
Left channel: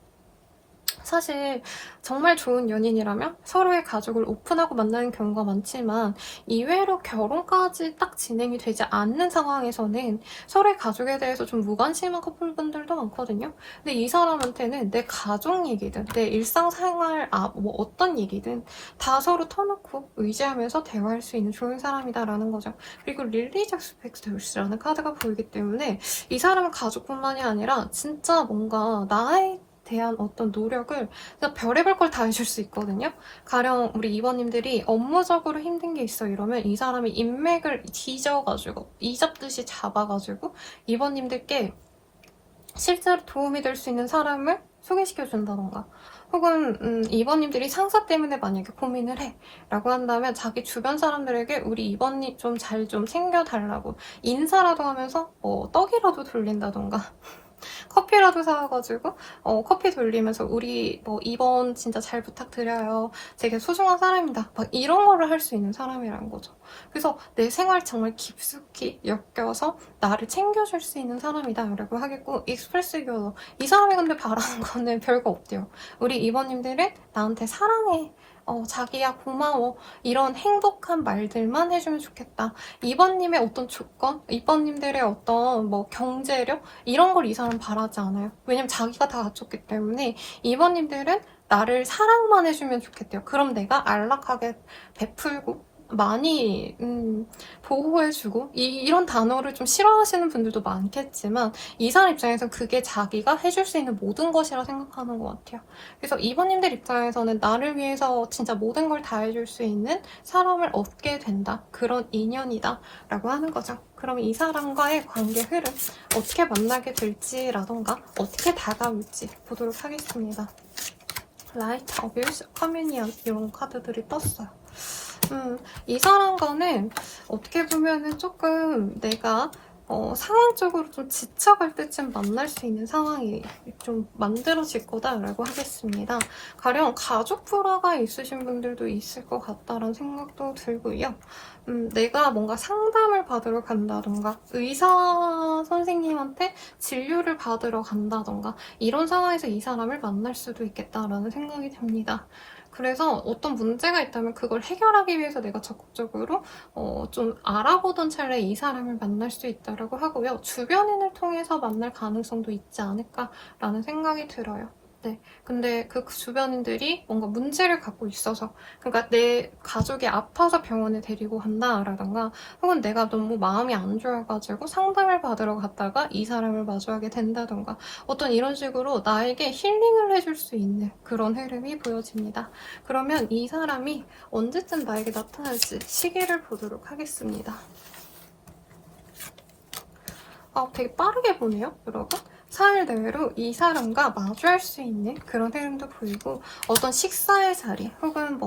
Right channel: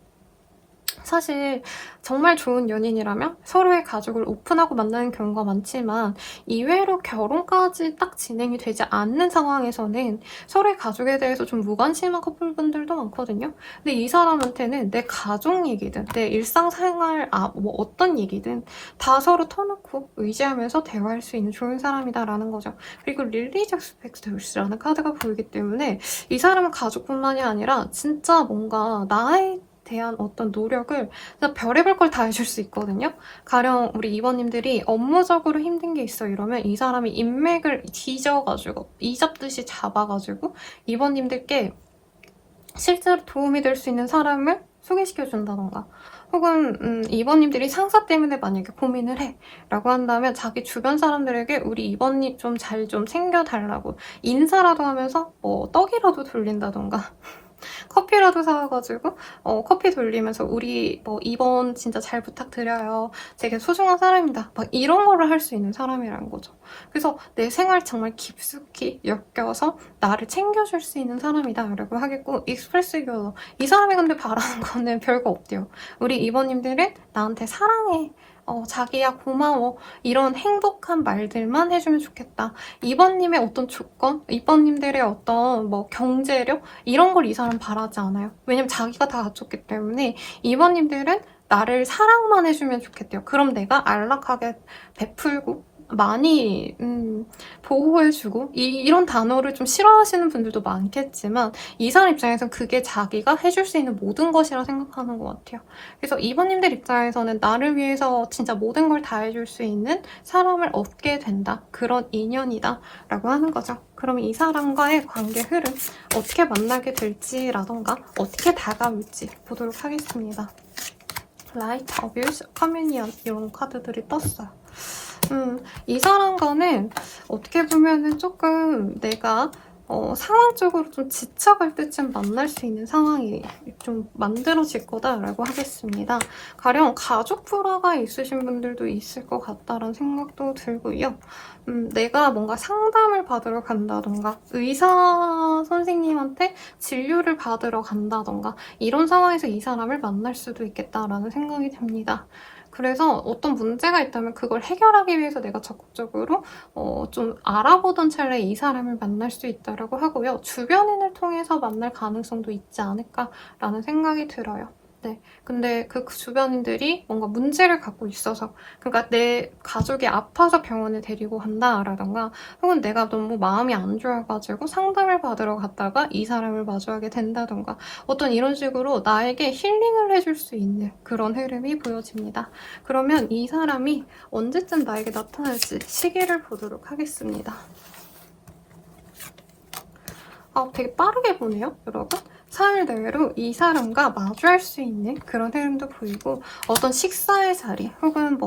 사실 정말 좋은 연인이라면 서로의 가족을 오픈하고 만나는 경우가 많지만, 이외로 결혼까지 딱 진행이 되지 않는 상황에서는 서로의 가족에 대해서 좀 무관심한 커플분들도 많거든요. 근데 이 사람한테는 내 가족 얘기든 내 일상생활 뭐 어떤 얘기든 다 서로 터놓고 의지하면서 대화할 수 있는 좋은 사람이다라는 거죠. 그리고 릴리적 스펙트스라는 카드가 보이기 때문에 이 사람은 가족뿐만이 아니라 진짜 뭔가 나에 대한 어떤 노력을 그냥 별의별 걸 다 해줄 수 있거든요. 가령 우리 이번님들이 업무적으로 힘든 게 있어 이러면 이 사람이 인맥을 뒤져가지고 이잡듯이 잡아가지고 이번님들께 실제로 도움이 될 수 있는 사람을 소개시켜준다던가, 혹은 이번님들이 상사 때문에 만약에 고민을 해 라고 한다면 자기 주변 사람들에게 우리 이번님 좀 잘 좀 챙겨달라고 인사라도 하면서 뭐 떡이라도 돌린다던가 커피라도 사와가지고 커피 돌리면서 우리 뭐 이번 진짜 잘 부탁드려요, 되게 소중한 사람입니다, 막 이런 거를 할 수 있는 사람이라는 거죠. 그래서 내 생활 정말 깊숙이 엮여서 나를 챙겨줄 수 있는 사람이다 라고 하겠고, 익스프레스 교로 이 사람이 근데 바라는 거는 별거 없대요. 우리 이번님들은 나한테 사랑해, 자기야 고마워, 이런 행복한 말들만 해주면 좋겠다. 이번님의 어떤 조건, 이번님들의 어떤 뭐 경제력 이런 걸 이 사람 바라지 않아요. 왜냐면 자기가 다 갖췄기 때문에 이번님들은 나를 사랑만 해주면 좋겠대요. 그럼 내가 안락하게 베풀고 많이 보호해주고, 이런 단어를 좀 싫어하시는 분들도 많겠지만 이 사람 입장에서는 그게 자기가 해줄 수 있는 모든 것이라 생각하는 것 같아요. 그래서 이번님들 입장에서는 나를 위해서 진짜 모든 걸 다 해줄 수 있는 사람을 얻게 된다, 그런 인연이다 라고 하는 거죠. 그럼 이 사람과의 관계 흐름, 어떻게 만나게 될지라던가 어떻게 다가올지 보도록 하겠습니다. 라이트, 어뷰스, 커뮤니언 이런 카드들이 떴어요. 이 사람과는 어떻게 보면은 조금 내가 상황적으로 좀 지쳐갈 때쯤 만날 수 있는 상황이 좀 만들어질 거다라고 하겠습니다. 가령 가족 불화가 있으신 분들도 있을 것 같다라는 생각도 들고요. 내가 뭔가 상담을 받으러 간다던가 의사 선생님한테 진료를 받으러 간다던가 이런 상황에서 이 사람을 만날 수도 있겠다라는 생각이 듭니다. 그래서 어떤 문제가 있다면 그걸 해결하기 위해서 내가 적극적으로 좀 알아보던 찰나에 이 사람을 만날 수 있다고 하고요. 주변인을 통해서 만날 가능성도 있지 않을까라는 생각이 들어요. 네. 근데 그 주변인들이 뭔가 문제를 갖고 있어서, 그러니까 내 가족이 아파서 병원에 데리고 간다라던가, 혹은 내가 너무 마음이 안 좋아가지고 상담을 받으러 갔다가 이 사람을 마주하게 된다던가, 어떤 이런 식으로 나에게 힐링을 해줄 수 있는 그런 흐름이 보여집니다. 그러면 이 사람이 언제쯤 나에게 나타날지 시기를 보도록 하겠습니다. 되게 빠르게 보네요, 여러분. 4일 내외로 이 사람과 마주할 수 있는 그런 흐름도 보이고, 어떤 식사의 자리 혹은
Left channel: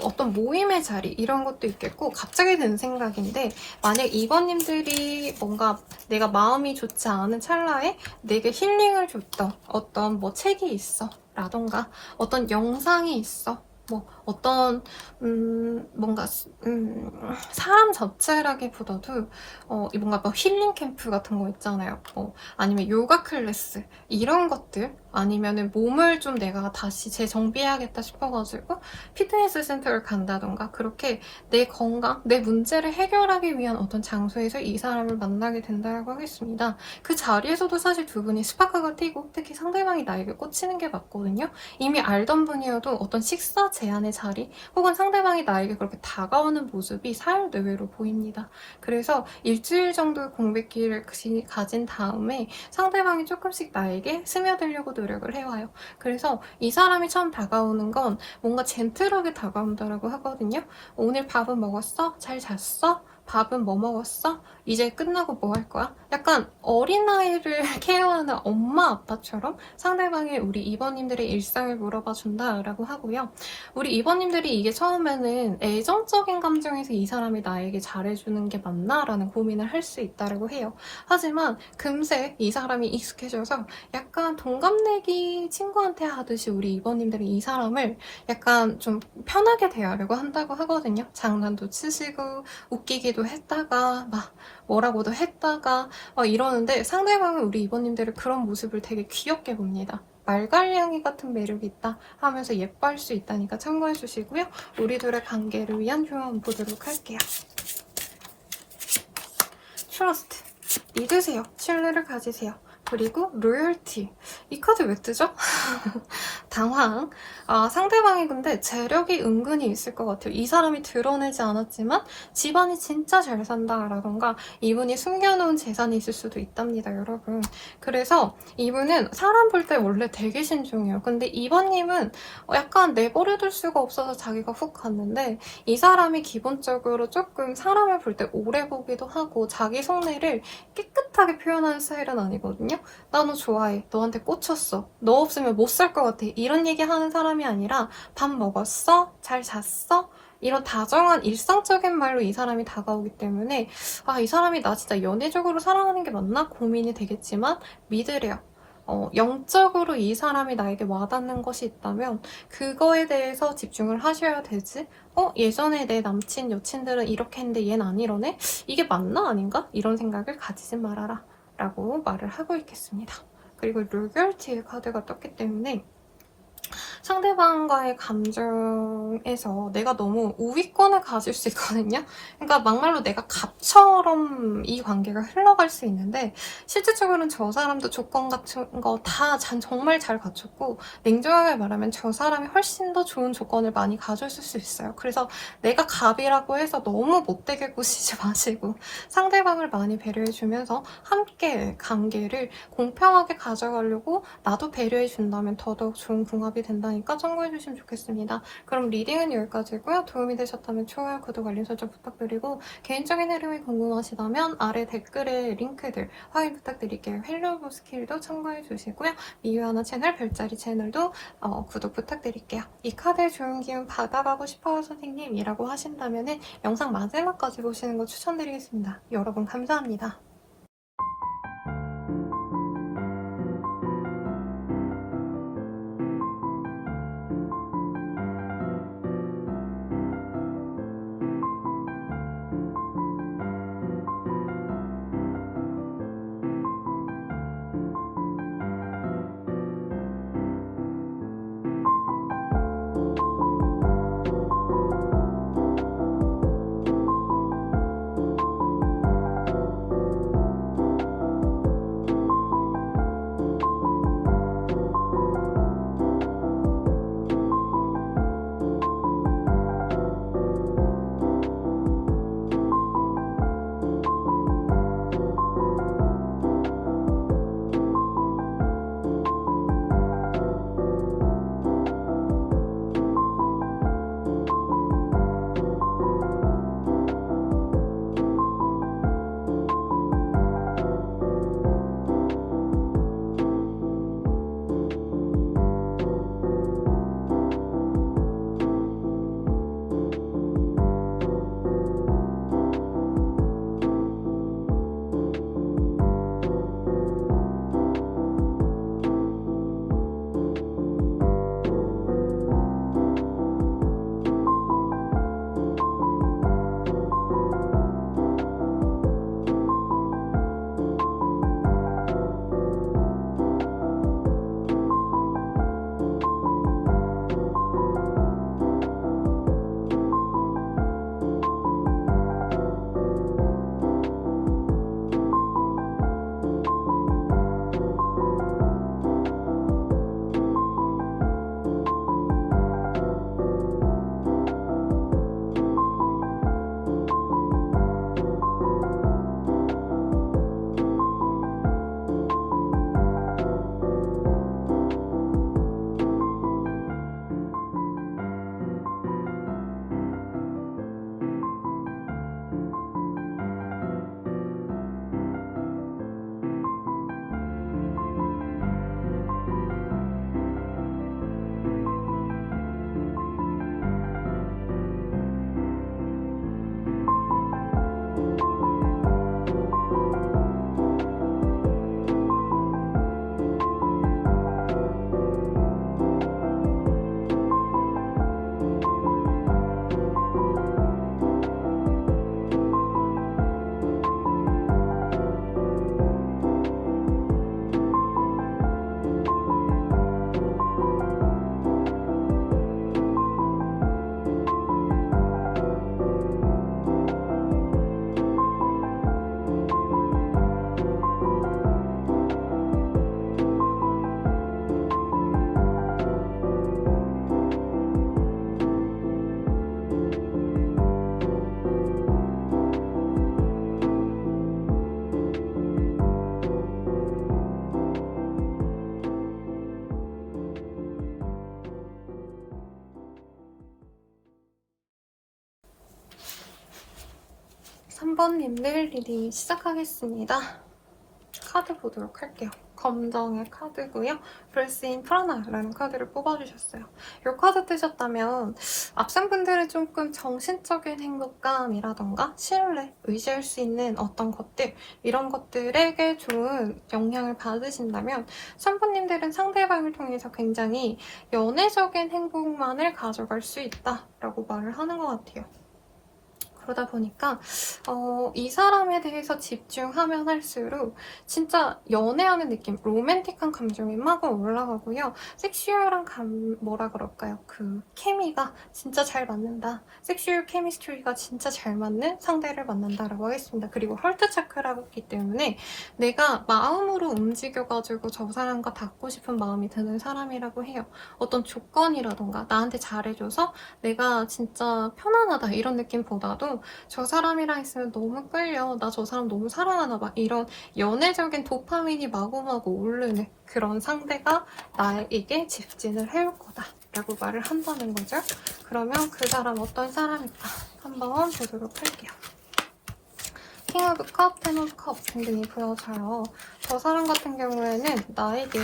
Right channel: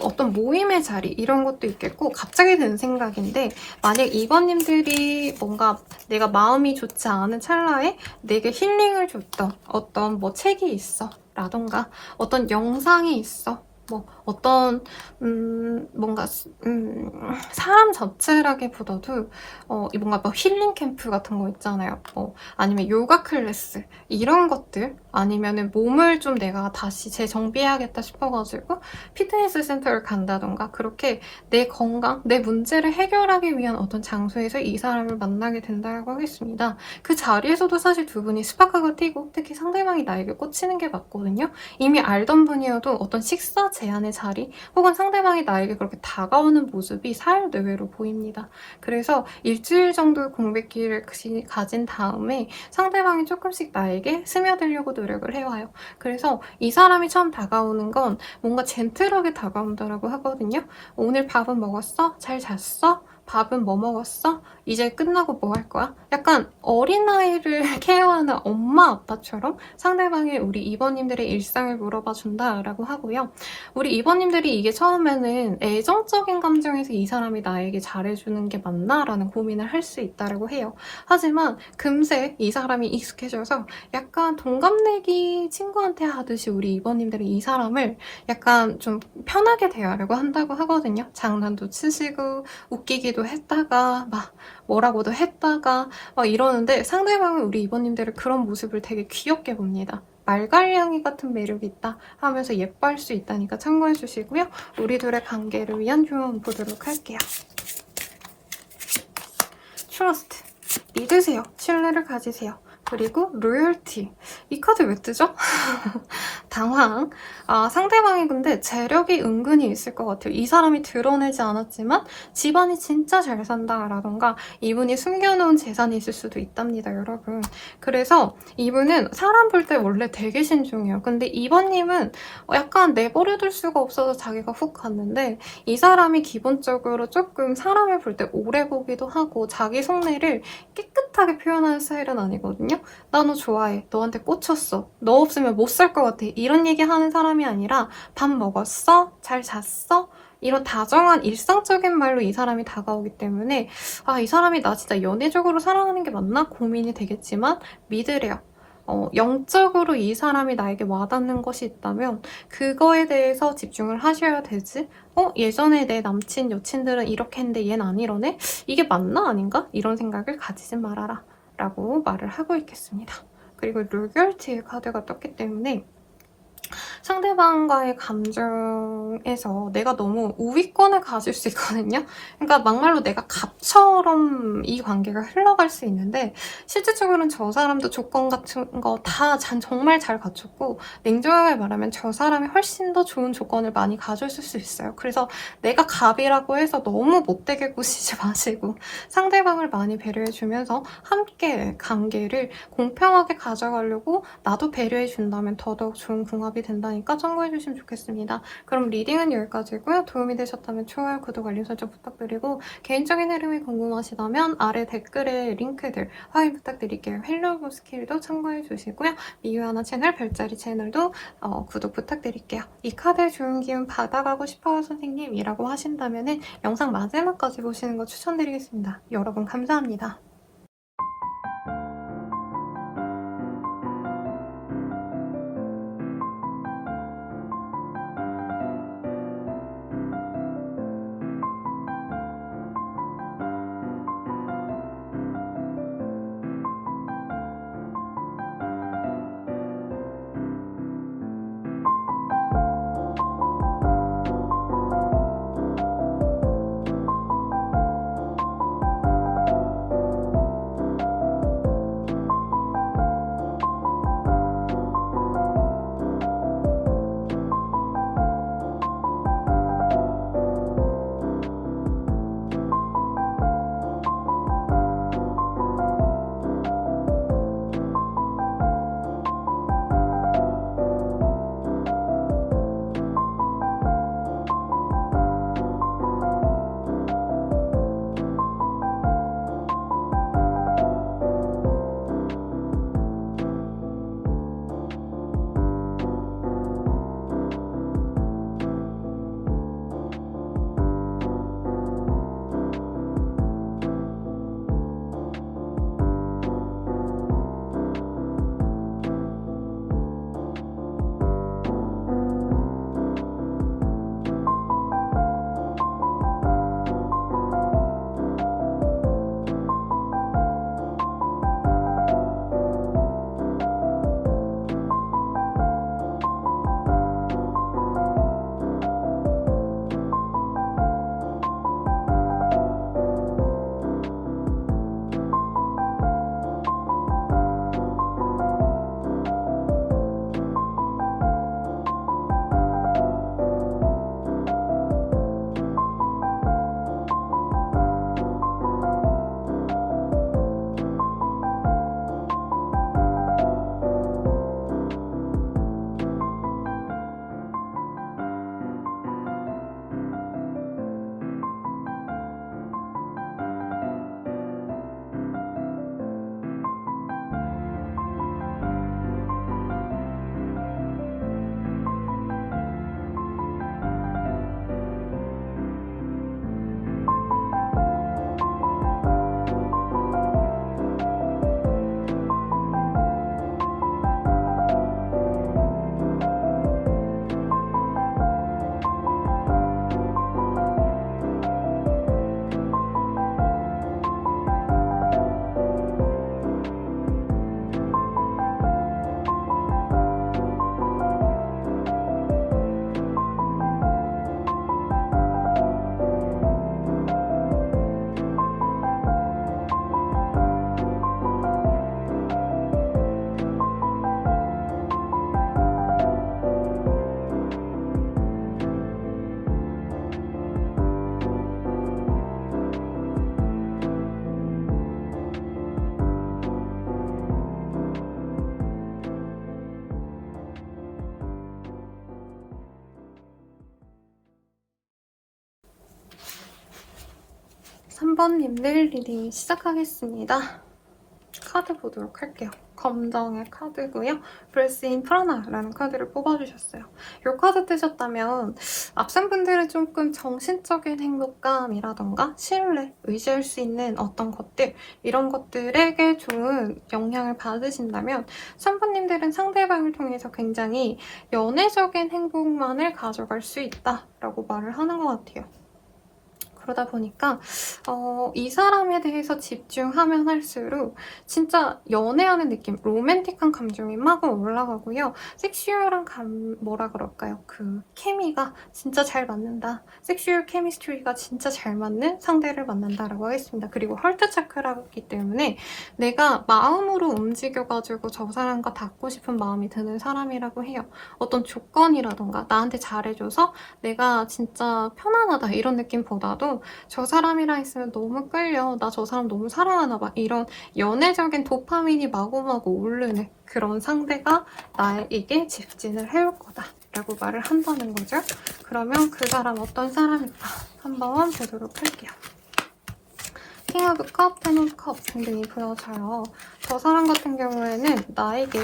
어떤 모임의 자리 이런 것도 있겠고, 갑자기 든 생각인데, 만약 이번님들이 뭔가 내가 마음이 좋지 않은 찰나에 내게 힐링을 줬던 어떤 책이 있어 라던가 어떤 영상이 있어, 어떤 뭔가 사람 자체라기보다도 뭔가 힐링 캠프 같은 거 있잖아요. 아니면 요가 클래스 이런 것들, 아니면은 몸을 좀 내가 다시 재정비해야겠다 싶어가지고 피트니스 센터를 간다던가, 그렇게 내 건강, 내 문제를 해결하기 위한 어떤 장소에서 이 사람을 만나게 된다고 하겠습니다. 그 자리에서도 사실 두 분이 스파크가 튀고, 특히 상대방이 나에게 꽂히는 게 맞거든요. 이미 알던 분이어도 어떤 식사 제안의 자리 혹은 상대방이 나에게 그렇게 다가오는 모습이 4일 내외로 보입니다. 그래서 일주일 정도 공백기를 가진 다음에 상대방이 조금씩 나에게 스며들려고 노력을 해와요. 그래서 이 사람이 처음 다가오는 건 뭔가 젠틀하게 다가온다라고 하거든요. 오늘 밥은 먹었어? 잘 잤어? 밥은 뭐 먹었어? 이제 끝나고 뭐 할 거야? 약간 어린아이를 케어하는 엄마 아빠처럼 상대방이 우리 이번님들의 일상을 물어봐 준다라고 하고요. 우리 이번님들이 이게 처음에는 애정적인 감정에서 이 사람이 나에게 잘해주는 게 맞나? 라는 고민을 할 수 있다고 해요. 하지만 금세 이 사람이 익숙해져서 약간 동갑내기 친구한테 하듯이 우리 이번님들이 이 사람을 약간 좀 편하게 대하려고 한다고 하거든요. 장난도 치시고 웃기기도 했다가 뭐라고도 했다가 이러는데, 상대방은 우리 이번님들의 그런 모습을 되게 귀엽게 봅니다. 말갈량이 같은 매력이 있다 하면서 예뻐할 수 있다니까 참고해 주시고요. 우리들의 관계를 위한 조언 보도록 할게요. 트러스트, 믿으세요. 신뢰를 가지세요. 그리고 로열티, 이 카드 왜 뜨죠? 당황. 상대방이 근데 재력이 은근히 있을 것 같아요. 이 사람이 드러내지 않았지만 집안이 진짜 잘 산다라던가 이분이 숨겨놓은 재산이 있을 수도 있답니다, 여러분. 그래서 이분은 사람 볼 때 원래 되게 신중해요. 근데 이번님은 약간 내버려둘 수가 없어서 자기가 훅 갔는데, 이 사람이 기본적으로 조금 사람을 볼 때 오래 보기도 하고 자기 속내를 깨끗하게 표현하는 스타일은 아니거든요. 나 너 좋아해. 너한테 꽂혔어. 너 없으면 못 살 것 같아. 이런 얘기 하는 사람이 아니라 밥 먹었어? 잘 잤어? 이런 다정한 일상적인 말로 이 사람이 다가오기 때문에 이 사람이 나 진짜 연애적으로 사랑하는 게 맞나? 고민이 되겠지만 믿으래요. 영적으로 이 사람이 나에게 와닿는 것이 있다면 그거에 대해서 집중을 하셔야 되지. 예전에 내 남친, 여친들은 이렇게 했는데 얘는 안 이러네? 이게 맞나 아닌가? 이런 생각을 가지지 말아라 라고 말을 하고 있겠습니다. 그리고 로열티의 카드가 떴기 때문에 상대방과의 감정에서 내가 너무 우위권을 가질 수 있거든요. 그러니까 막말로 내가 갑처럼 이 관계가 흘러갈 수 있는데, 실질적으로는 저 사람도 조건 같은 거 다 정말 잘 갖췄고, 냉정하게 말하면 저 사람이 훨씬 더 좋은 조건을 많이 가졌을 수 있어요. 그래서 내가 갑이라고 해서 너무 못되게 구시지 마시고 상대방을 많이 배려해주면서 함께 관계를 공평하게 가져가려고 나도 배려해준다면 더더욱 좋은 궁합이 된다니까 참고해주시면 좋겠습니다. 그럼 리딩은 여기까지고요. 도움이 되셨다면 좋아요, 구독, 알림 설정 부탁드리고, 개인적인 흐름이 궁금하시다면 아래 댓글에 링크들 확인 부탁드릴게요. 헬로우 스킬도 참고해주시고요. 미유하나 채널, 별자리 채널도 구독 부탁드릴게요. 이 카드의 좋은 기운 받아가고 싶어요 선생님이라고 하신다면 영상 마지막까지 보시는 거 추천드리겠습니다. 여러분 감사합니다. 3번님들 리딩 시작하겠습니다. 카드 보도록 할게요. 검정의 카드고요. 브레스인 프라나라는 카드를 뽑아주셨어요. 이 카드 뜨셨다면 앞선 분들은 조금 정신적인 행복감이라던가 신뢰, 의지할 수 있는 어떤 것들 이런 것들에게 좋은 영향을 받으신다면 3번님들은 상대방을 통해서 굉장히 연애적인 행복만을 가져갈 수 있다라고 말을 하는 것 같아요. 그러다 보니까 이 사람에 대해서 집중하면 할수록 진짜 연애하는 느낌, 로맨틱한 감정이 막 올라가고요. 섹슈얼한 뭐라 그럴까요? 그 케미가 진짜 잘 맞는다. 섹슈얼 케미스트리가 진짜 잘 맞는 상대를 만난다라고 하겠습니다. 그리고 헐트 차크라기 때문에 내가 마음으로 움직여가지고 저 사람과 닿고 싶은 마음이 드는 사람이라고 해요. 어떤 조건이라던가 나한테 잘해줘서 내가 진짜 편안하다 이런 느낌보다도 저 사람이랑 있으면 너무 끌려. 나 저 사람 너무 사랑하나 봐. 이런 연애적인 도파민이 마구마구 오르는 그런 상대가 나에게 집진을 해올 거다. 라고 말을 한다는 거죠. 그러면 그 사람 어떤 사람일까? 한번 보도록 할게요. 킹 오브 컵, 텐 오브 컵 등등이 보여져요. 저 사람 같은 경우에는 나에게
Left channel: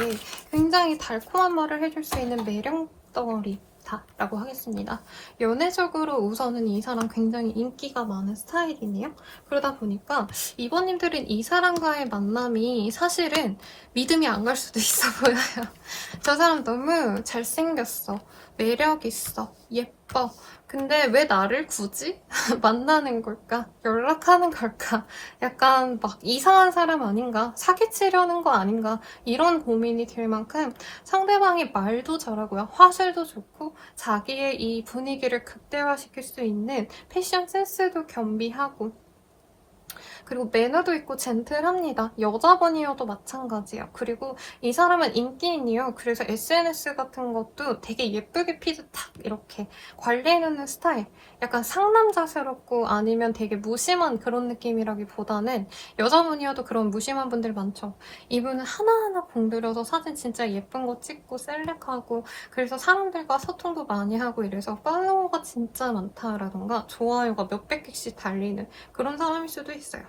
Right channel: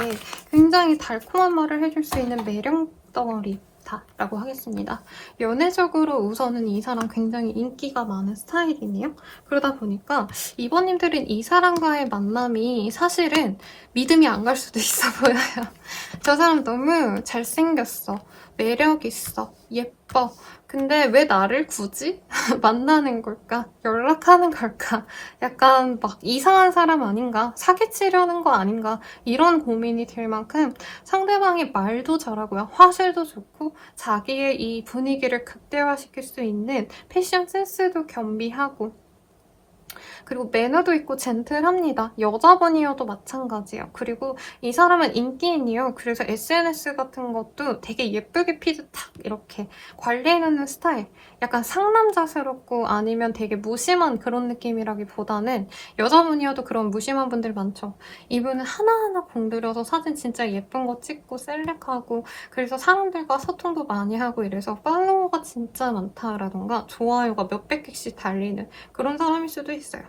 굉장히 달콤한 말을 해줄 수 있는 매력 덩어리 라고 하겠습니다. 연애적으로 우선은 이 사람 굉장히 인기가 많은 스타일이네요. 그러다 보니까 이번님들은 이 사람과의 만남이 사실은 믿음이 안 갈 수도 있어 보여요. 저 사람 너무 잘생겼어. 매력 있어. 예뻐. 근데 왜 나를 굳이 만나는 걸까? 연락하는 걸까? 약간 막 이상한 사람 아닌가? 사기치려는 거 아닌가? 이런 고민이 들 만큼 상대방의 말도 잘하고요. 화술도 좋고 자기의 이 분위기를 극대화시킬 수 있는 패션 센스도 겸비하고 그리고 매너도 있고 젠틀합니다. 여자분이어도 마찬가지예요. 그리고 이 사람은 인기인이요. 그래서 SNS 같은 것도 되게 예쁘게 피드 탁 이렇게 관리해내는 스타일. 약간 상남자스럽고 아니면 되게 무심한 그런 느낌이라기보다는 여자분이어도 그런 무심한 분들 많죠. 이분은 하나하나 공들여서 사진 진짜 예쁜 거 찍고 셀렉하고 그래서 사람들과 소통도 많이 하고 이래서 팔로워가 진짜 많다라던가 좋아요가 몇백 개씩 달리는 그런 사람일 수도 있어요.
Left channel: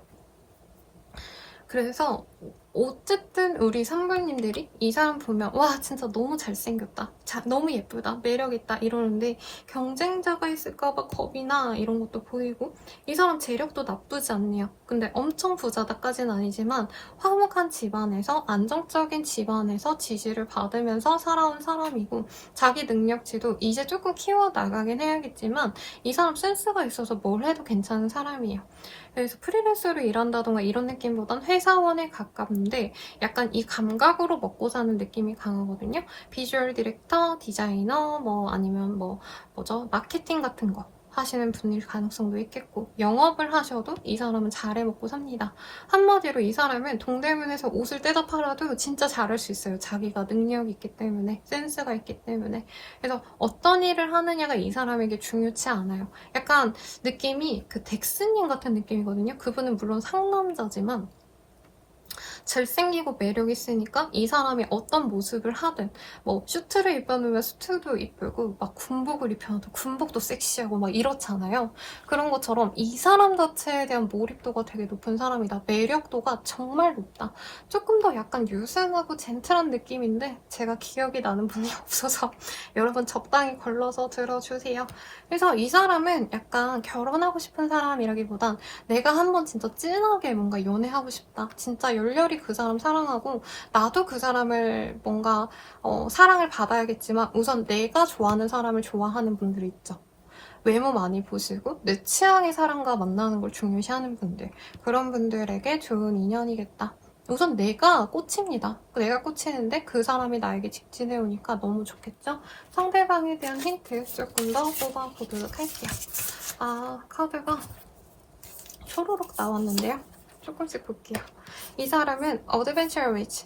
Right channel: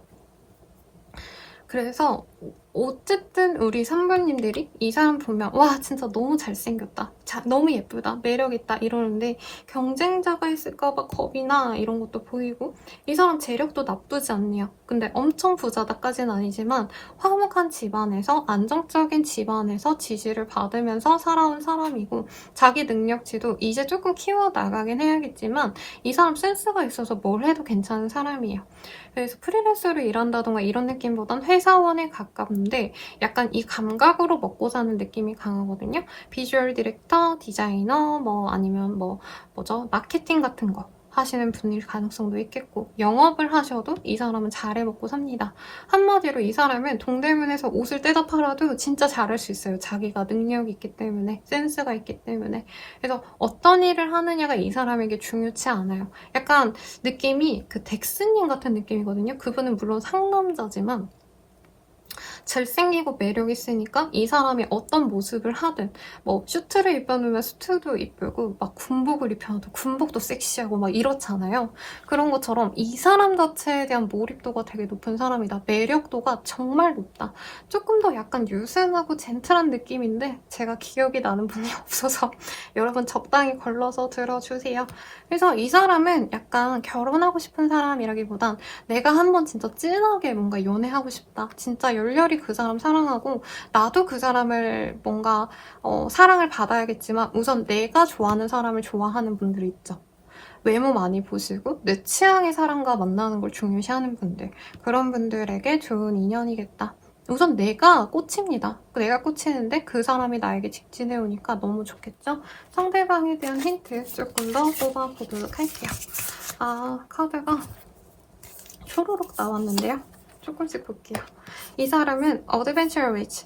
그래서 어쨌든 우리 선배님들이 이 사람 보면 와 진짜 너무 잘생겼다, 너무 예쁘다, 매력있다 이러는데 경쟁자가 있을까봐 겁이나 이런 것도 보이고 이 사람 재력도 나쁘지 않네요. 근데 엄청 부자다까지는 아니지만 화목한 집안에서 안정적인 집안에서 지지를 받으면서 살아온 사람이고 자기 능력치도 이제 조금 키워나가긴 해야겠지만 이 사람 센스가 있어서 뭘 해도 괜찮은 사람이에요. 그래서 프리랜서로 일한다던가 이런 느낌보단 회사원에 가깝는데 약간 이 감각으로 먹고 사는 느낌이 강하거든요. 비주얼 디렉터, 디자이너, 뭐 아니면 마케팅 같은 거 하시는 분일 가능성도 있겠고 영업을 하셔도 이 사람은 잘해 먹고 삽니다. 한마디로 이 사람은 동대문에서 옷을 떼다 팔아도 진짜 잘할 수 있어요. 자기가 능력이 있기 때문에, 센스가 있기 때문에. 그래서 어떤 일을 하느냐가 이 사람에게 중요치 않아요. 약간 느낌이 그 덱스님 같은 느낌이거든요. 그분은 물론 상남자지만 잘생기고 매력 있으니까 이 사람이 어떤 모습을 하든 뭐 슈트를 입혀놓으면 슈트도 이쁘고 막 군복을 입혀놔도 군복도 섹시하고 막 이렇잖아요. 그런 것처럼 이 사람 자체에 대한 몰입도가 되게 높은 사람이다. 매력도가 정말 높다. 조금 더 약간 유순하고 젠틀한 느낌인데 제가 기억이 나는 분이 없어서 여러분 적당히 걸러서 들어주세요. 그래서 이 사람은 약간 결혼하고 싶은 사람이라기보단 내가 한번 진짜 진하게 뭔가 연애하고 싶다. 진짜 열렬히 그 사람 사랑하고 나도 그 사람을 뭔가 사랑을 받아야겠지만 우선 내가 좋아하는 사람을 좋아하는 분들 있죠. 외모 많이 보시고 내 취향의 사람과 만나는 걸 중요시하는 분들, 그런 분들에게 좋은 인연이겠다. 우선 내가 꽂힙니다. 내가 꽂히는데 그 사람이 나에게 직진해오니까 너무 좋겠죠? 상대방에 대한 힌트 조금 더 뽑아보도록 할게요. 카드가 초로록 나왔는데요. 조금씩 볼게요. 이 사람은 어드벤처 리치,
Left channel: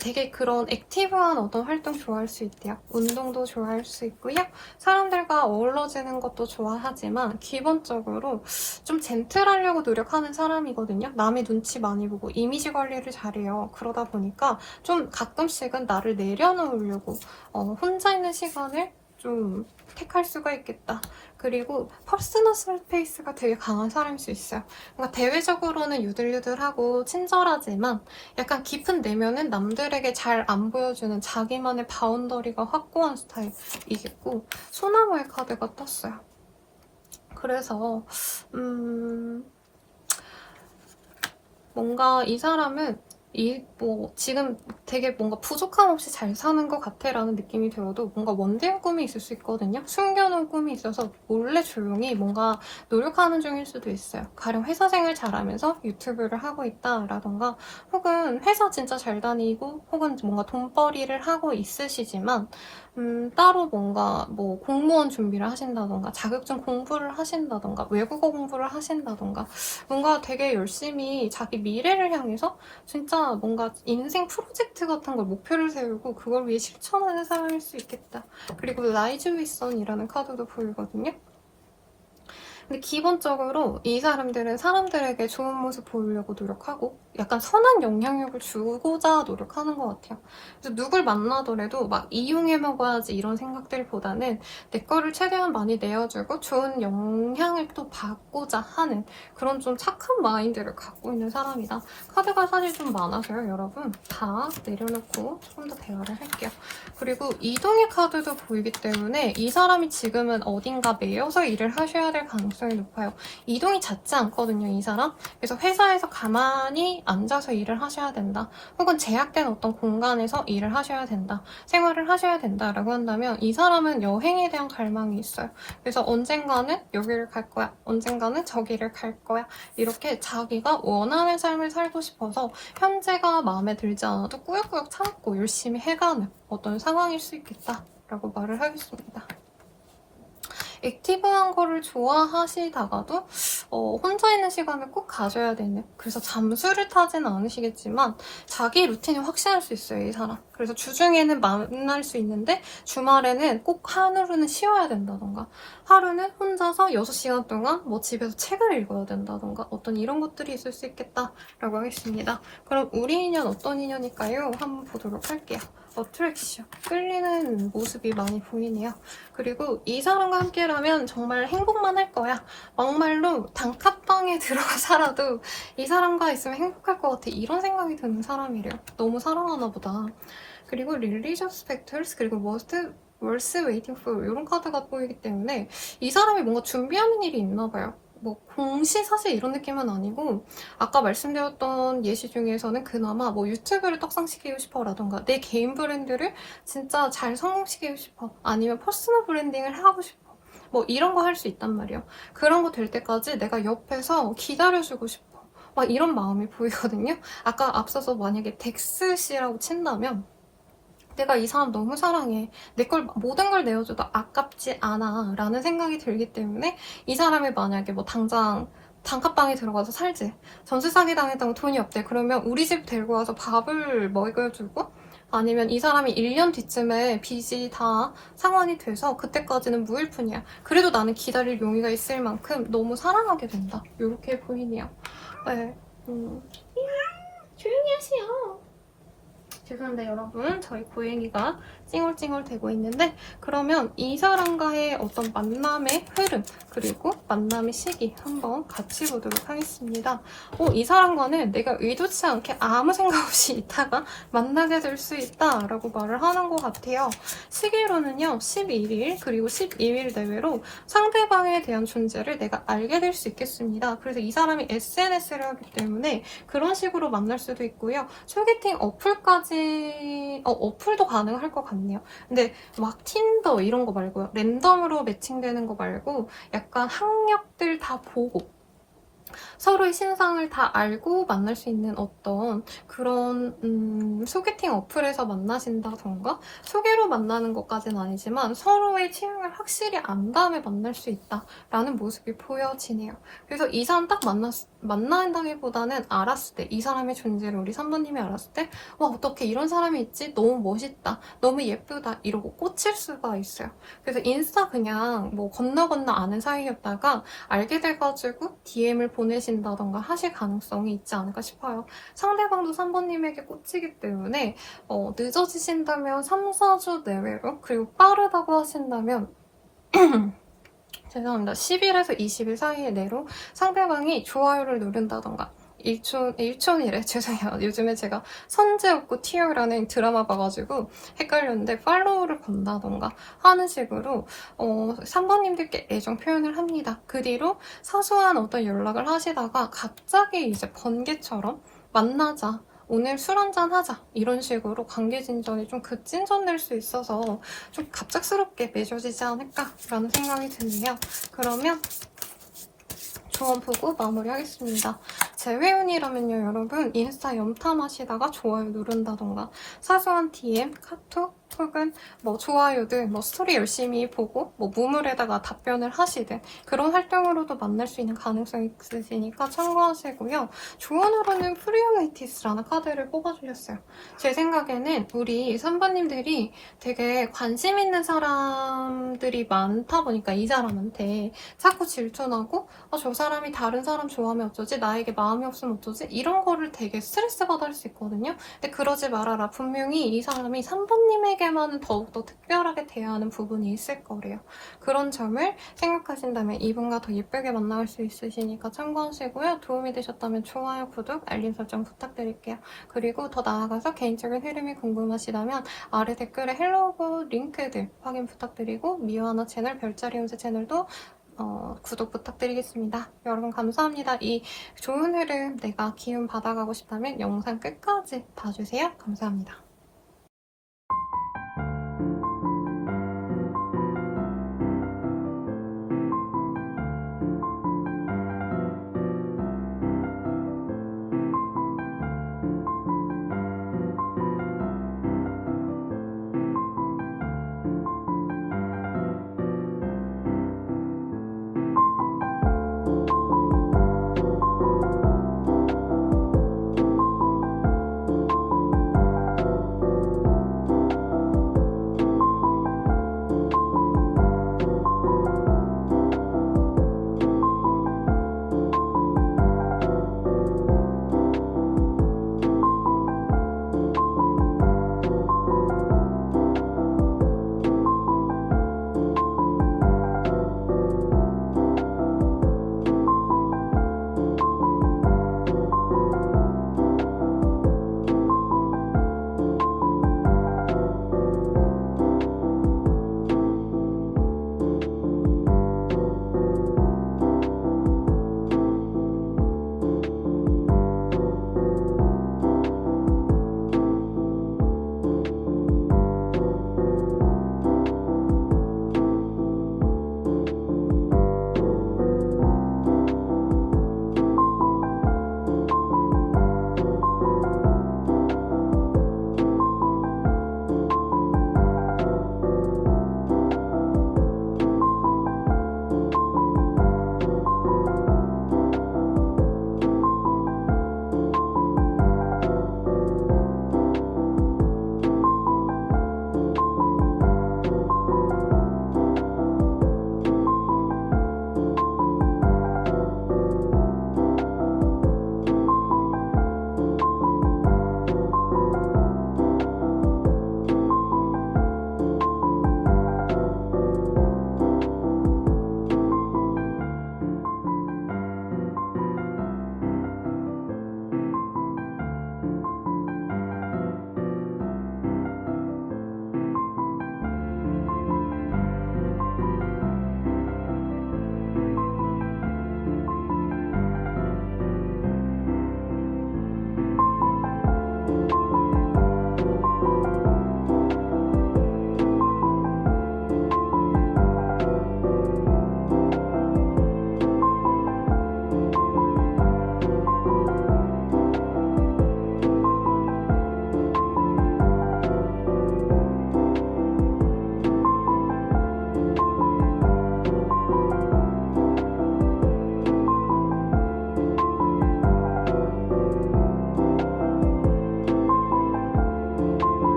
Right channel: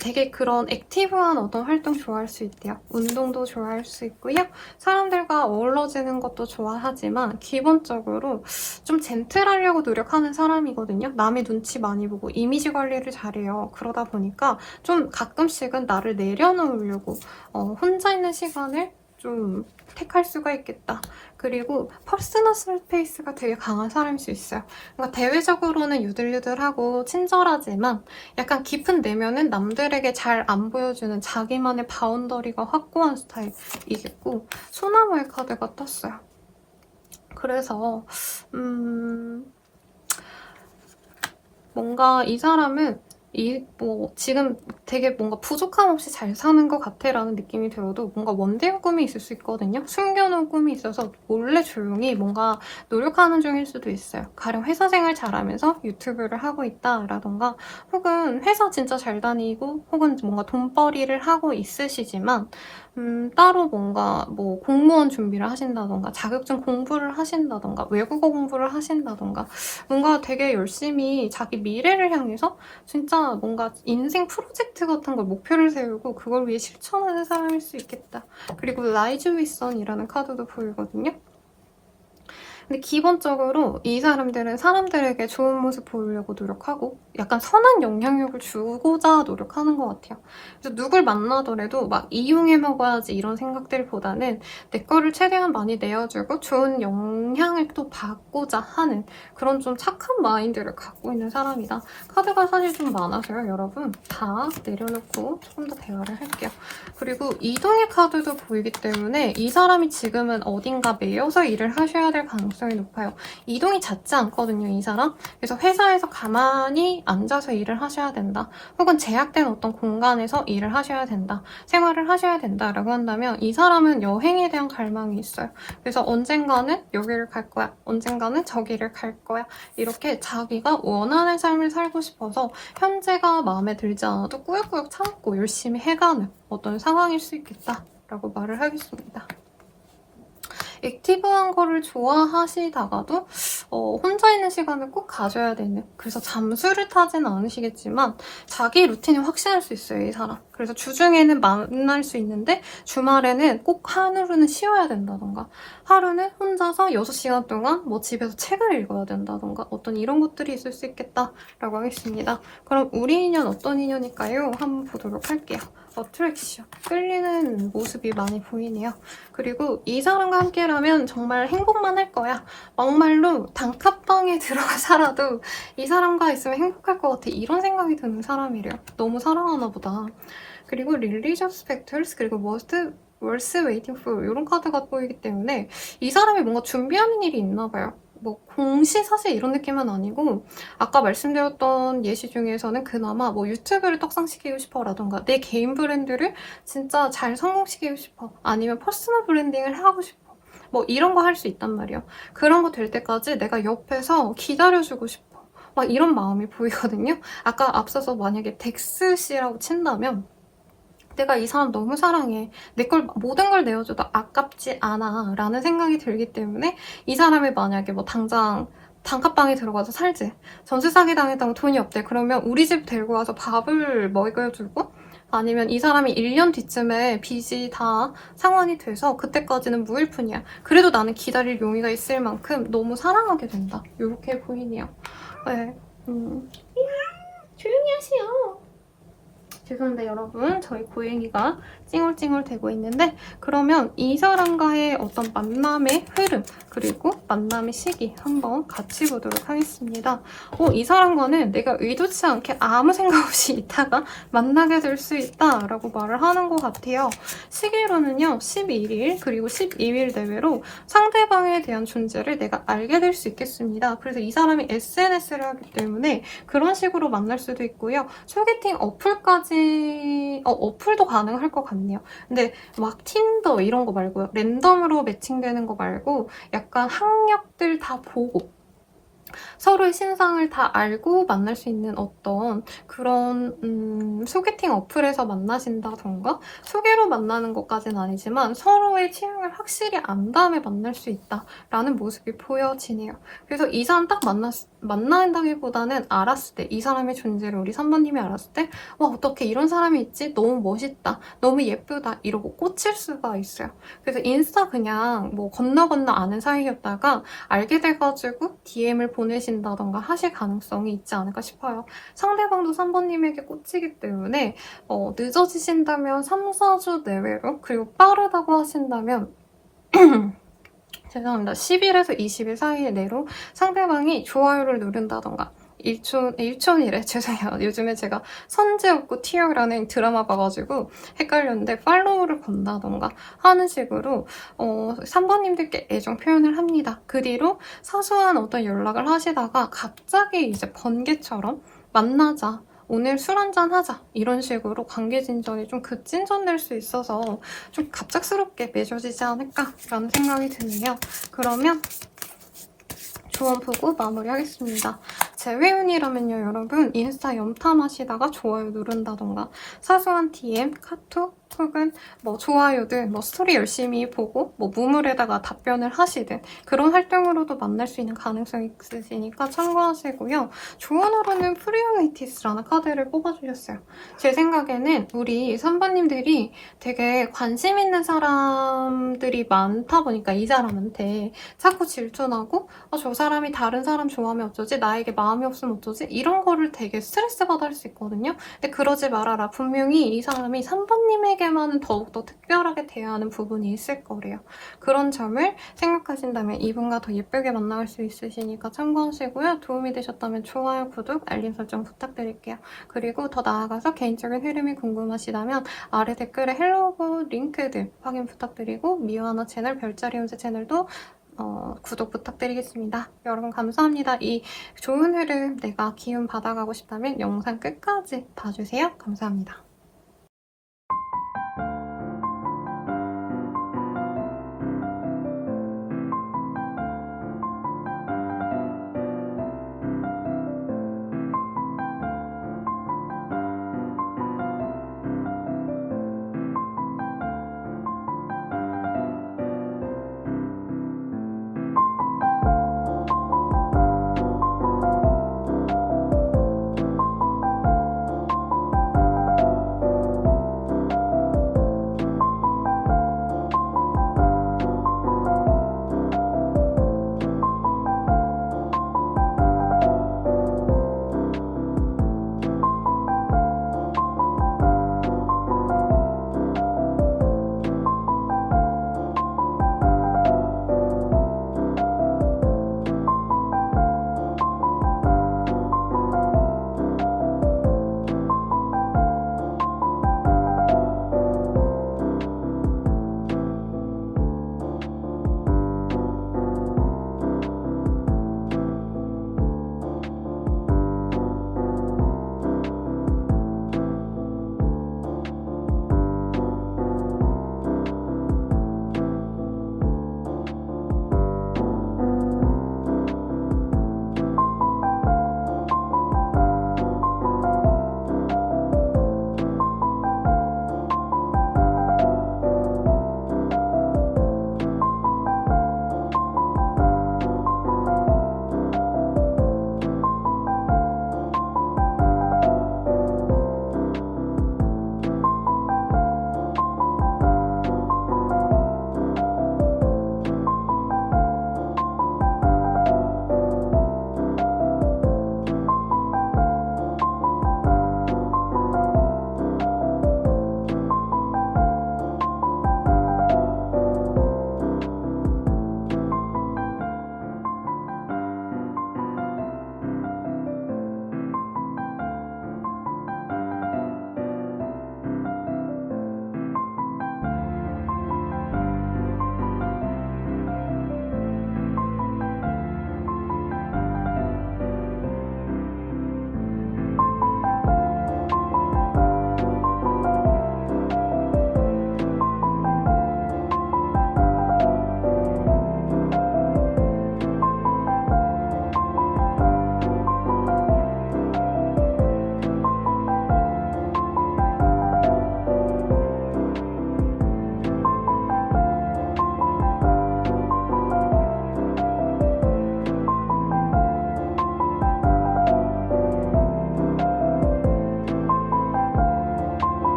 되게 그런 액티브한 어떤 활동 좋아할 수 있대요. 운동도 좋아할 수 있고요. 사람들과 어우러지는 것도 좋아하지만 기본적으로 좀 젠틀하려고 노력하는 사람이거든요. 남의 눈치 많이 보고 이미지 관리를 잘해요. 그러다 보니까 좀 가끔씩은 나를 내려놓으려고 혼자 있는 시간을 좀 택할 수가 있겠다. 그리고 퍼스널 스페이스가 되게 강한 사람일 수 있어요. 뭔가 대외적으로는 유들유들하고 친절하지만 약간 깊은 내면은 남들에게 잘 안 보여주는 자기만의 바운더리가 확고한 스타일이겠고, 소나무의 카드가 떴어요. 그래서 뭔가 이 사람은 지금 되게 뭔가 부족함 없이 잘 사는 것 같아 라는 느낌이 들어도 뭔가 원대한 꿈이 있을 수 있거든요. 숨겨놓은 꿈이 있어서 몰래 조용히 뭔가 노력하는 중일 수도 있어요. 가령 회사 생활 잘하면서 유튜브를 하고 있다 라던가, 혹은 회사 진짜 잘 다니고 혹은 뭔가 돈벌이를 하고 있으시지만 따로 뭔가 뭐 공무원 준비를 하신다던가 자격증 공부를 하신다던가 외국어 공부를 하신다던가, 뭔가 되게 열심히 자기 미래를 향해서 진짜 뭔가 인생 프로젝트 같은 걸 목표를 세우고 그걸 위해 실천하는 사람일 수 있겠다. 그리고 라이즈 위선이라는 카드도 보이거든요. 근데 기본적으로 이 사람들은 사람들에게 좋은 모습 보이려고 노력하고 약간 선한 영향력을 주고자 노력하는 것 같아요. 그래서 누굴 만나더라도 막 이용해 먹어야지 이런 생각들보다는 내 거를 최대한 많이 내어주고 좋은 영향을 또 받고자 하는 그런 좀 착한 마인드를 갖고 있는 사람이다. 카드가 사실 좀 많아서요, 여러분. 다 내려놓고 조금 더 대화를 할게요. 그리고 이동의 카드도 보이기 때문에 이 사람이 지금은 어딘가 매여서 일을 하셔야 될 가능성이 높아요. 이동이 잦지 않거든요, 이 사람. 그래서 회사에서 가만히 앉아서 일을 하셔야 된다. 혹은 제약된 어떤 공간에서 일을 하셔야 된다. 생활을 하셔야 된다라고 한다면 이 사람은 여행에 대한 갈망이 있어요. 그래서 언젠가는 여기를 갈 거야. 언젠가는 저기를 갈 거야. 이렇게 자기가 원하는 삶을 살고 싶어서 현재가 마음에 들지 않아도 꾸역꾸역 참고 열심히 해가는 어떤 상황일 수 있겠다라고 말을 하겠습니다. 액티브한 거를 좋아하시다가도 혼자 있는 시간을 꼭 가져야 되는, 그래서 잠수를 타지는 않으시겠지만 자기 루틴이 확실할 수 있어요, 이 사람. 그래서 주중에는 만날 수 있는데 주말에는 꼭 하루는 쉬어야 된다던가, 하루는 혼자서 6시간 동안 뭐 집에서 책을 읽어야 된다던가, 어떤 이런 것들이 있을 수 있겠다라고 하겠습니다. 그럼 우리 인연 어떤 인연일까요? 한번 보도록 할게요. 어트랙션, 끌리는 모습이 많이 보이네요. 그리고 이 사람과 함께라면 정말 행복만 할 거야. 막말로 단칸방에 들어가 살아도 이 사람과 있으면 행복할 것 같아. 이런 생각이 드는 사람이래요. 너무 사랑하나 보다. 그리고 Religious Factors, 그리고 Worth Waiting For 이런 카드가 보이기 때문에 이 사람이 뭔가 준비하는 일이 있나 봐요. 뭐 공시 사실 이런 느낌은 아니고, 아까 말씀드렸던 예시 중에서는 그나마 뭐 유튜브를 떡상시키고 싶어 라던가 내 개인 브랜드를 진짜 잘 성공시키고 싶어, 아니면 퍼스널 브랜딩을 하고 싶어, 뭐 이런 거 할 수 있단 말이에요. 그런 거 될 때까지 내가 옆에서 기다려주고 싶어, 막 이런 마음이 보이거든요. 아까 앞서서 만약에 덱스 씨라고 친다면 내가 이 사람 너무 사랑해, 내 걸 모든 걸 내어줘도 아깝지 않아 라는 생각이 들기 때문에 이 사람이 만약에 뭐 당장 단칸방에 들어가서 살지, 전세 사기 당했다고 돈이 없대. 그러면 우리 집 데리고 와서 밥을 먹여주고, 아니면 이 사람이 1년 뒤쯤에 빚이 다 상환이 돼서 그때까지는 무일푼이야. 그래도 나는 기다릴 용의가 있을 만큼 너무 사랑하게 된다. 이렇게 보이네요. 네. 조용히 하시오. 죄송한데 여러분, 저희 고양이가 찡얼찡얼 대고 있는데, 그러면 이 사람과의 어떤 만남의 흐름, 그리고 만남의 시기 한번 같이 보도록 하겠습니다. 이 사람과는 내가 의도치 않게 아무 생각 없이 있다가 만나게 될 수 있다라고 말을 하는 것 같아요. 시기로는요, 11일 그리고 12일 내외로 상대방에 대한 존재를 내가 알게 될 수 있겠습니다. 그래서 이 사람이 SNS를 하기 때문에 그런 식으로 만날 수도 있고요. 소개팅 어플까지, 어플도 가능할 것 같네요. 근데 막 틴더 이런 거 말고요. 랜덤으로 매칭되는 거 말고 약간 학력들 다 보고 서로의 신상을 다 알고 만날 수 있는 어떤 그런 소개팅 어플에서 만나신다던가, 소개로 만나는 것까지는 아니지만 서로의 취향을 확실히 안 다음에 만날 수 있다라는 모습이 보여지네요. 그래서 이 사람 딱 만났을 만난다기보다는 알았을 때, 이 사람의 존재를 우리 3번님이 알았을 때, 와, 어떻게 이런 사람이 있지? 너무 멋있다. 너무 예쁘다. 이러고 꽂힐 수가 있어요. 그래서 인스타 그냥 뭐 건너 아는 사이였다가 알게 돼가지고 DM을 보내신다던가 하실 가능성이 있지 않을까 싶어요. 상대방도 3번님에게 꽂히기 때문에 늦어지신다면 3, 4주 내외로, 그리고 빠르다고 하신다면 죄송합니다. 10일에서 20일 사이 내로 상대방이 좋아요를 누른다던가 일촌이래. 죄송해요. 요즘에 제가 선제없고 티어라는 드라마 봐가지고 헷갈렸는데 팔로우를 건다던가 하는 식으로 3번님들께 애정 표현을 합니다. 그 뒤로 사소한 어떤 연락을 하시다가 갑자기 이제 번개처럼 만나자. 오늘 술 한잔 하자. 이런 식으로 관계 진전이 좀 급진전될 수 있어서 좀 갑작스럽게 맺어지지 않을까라는 생각이 드네요. 그러면 조언 보고 마무리하겠습니다. 제 회원이라면요, 여러분 인스타 염탐하시다가 좋아요 누른다던가 사소한 DM, 카톡 혹은 뭐 좋아요들, 뭐 스토리 열심히 보고 뭐 무물에다가 답변을 하시든 그런 활동으로도 만날 수 있는 가능성이 있으시니까 참고하시고요. 조언으로는 프리오메이티스라는 카드를 뽑아주셨어요. 제 생각에는 우리 선배님들이 되게 관심 있는 사람들이 많다 보니까 이 사람한테 자꾸 질투나고 저 사람이 다른 사람 좋아하면 어쩌지? 나에게 마음이 없으면 어쩌지? 이런 거를 되게 스트레스 받아 할 수 있거든요. 근데 그러지 말아라. 분명히 이 사람이 3번님에게만은 더욱더 특별하게 대하는 부분이 있을 거래요. 그런 점을 생각하신다면 이분과 더 예쁘게 만나갈 수 있으시니까 참고하시고요. 도움이 되셨다면 좋아요, 구독, 알림 설정 부탁드릴게요. 그리고 더 나아가서 개인적인 흐름이 궁금하시다면 아래 댓글에 헬로우 링크들 확인 부탁드리고 미화나 채널, 별자리 운세 채널도 구독 부탁드리겠습니다. 여러분 감사합니다. 이 좋은 흐름 내가 기운 받아가고 싶다면 영상 끝까지 봐주세요. 감사합니다.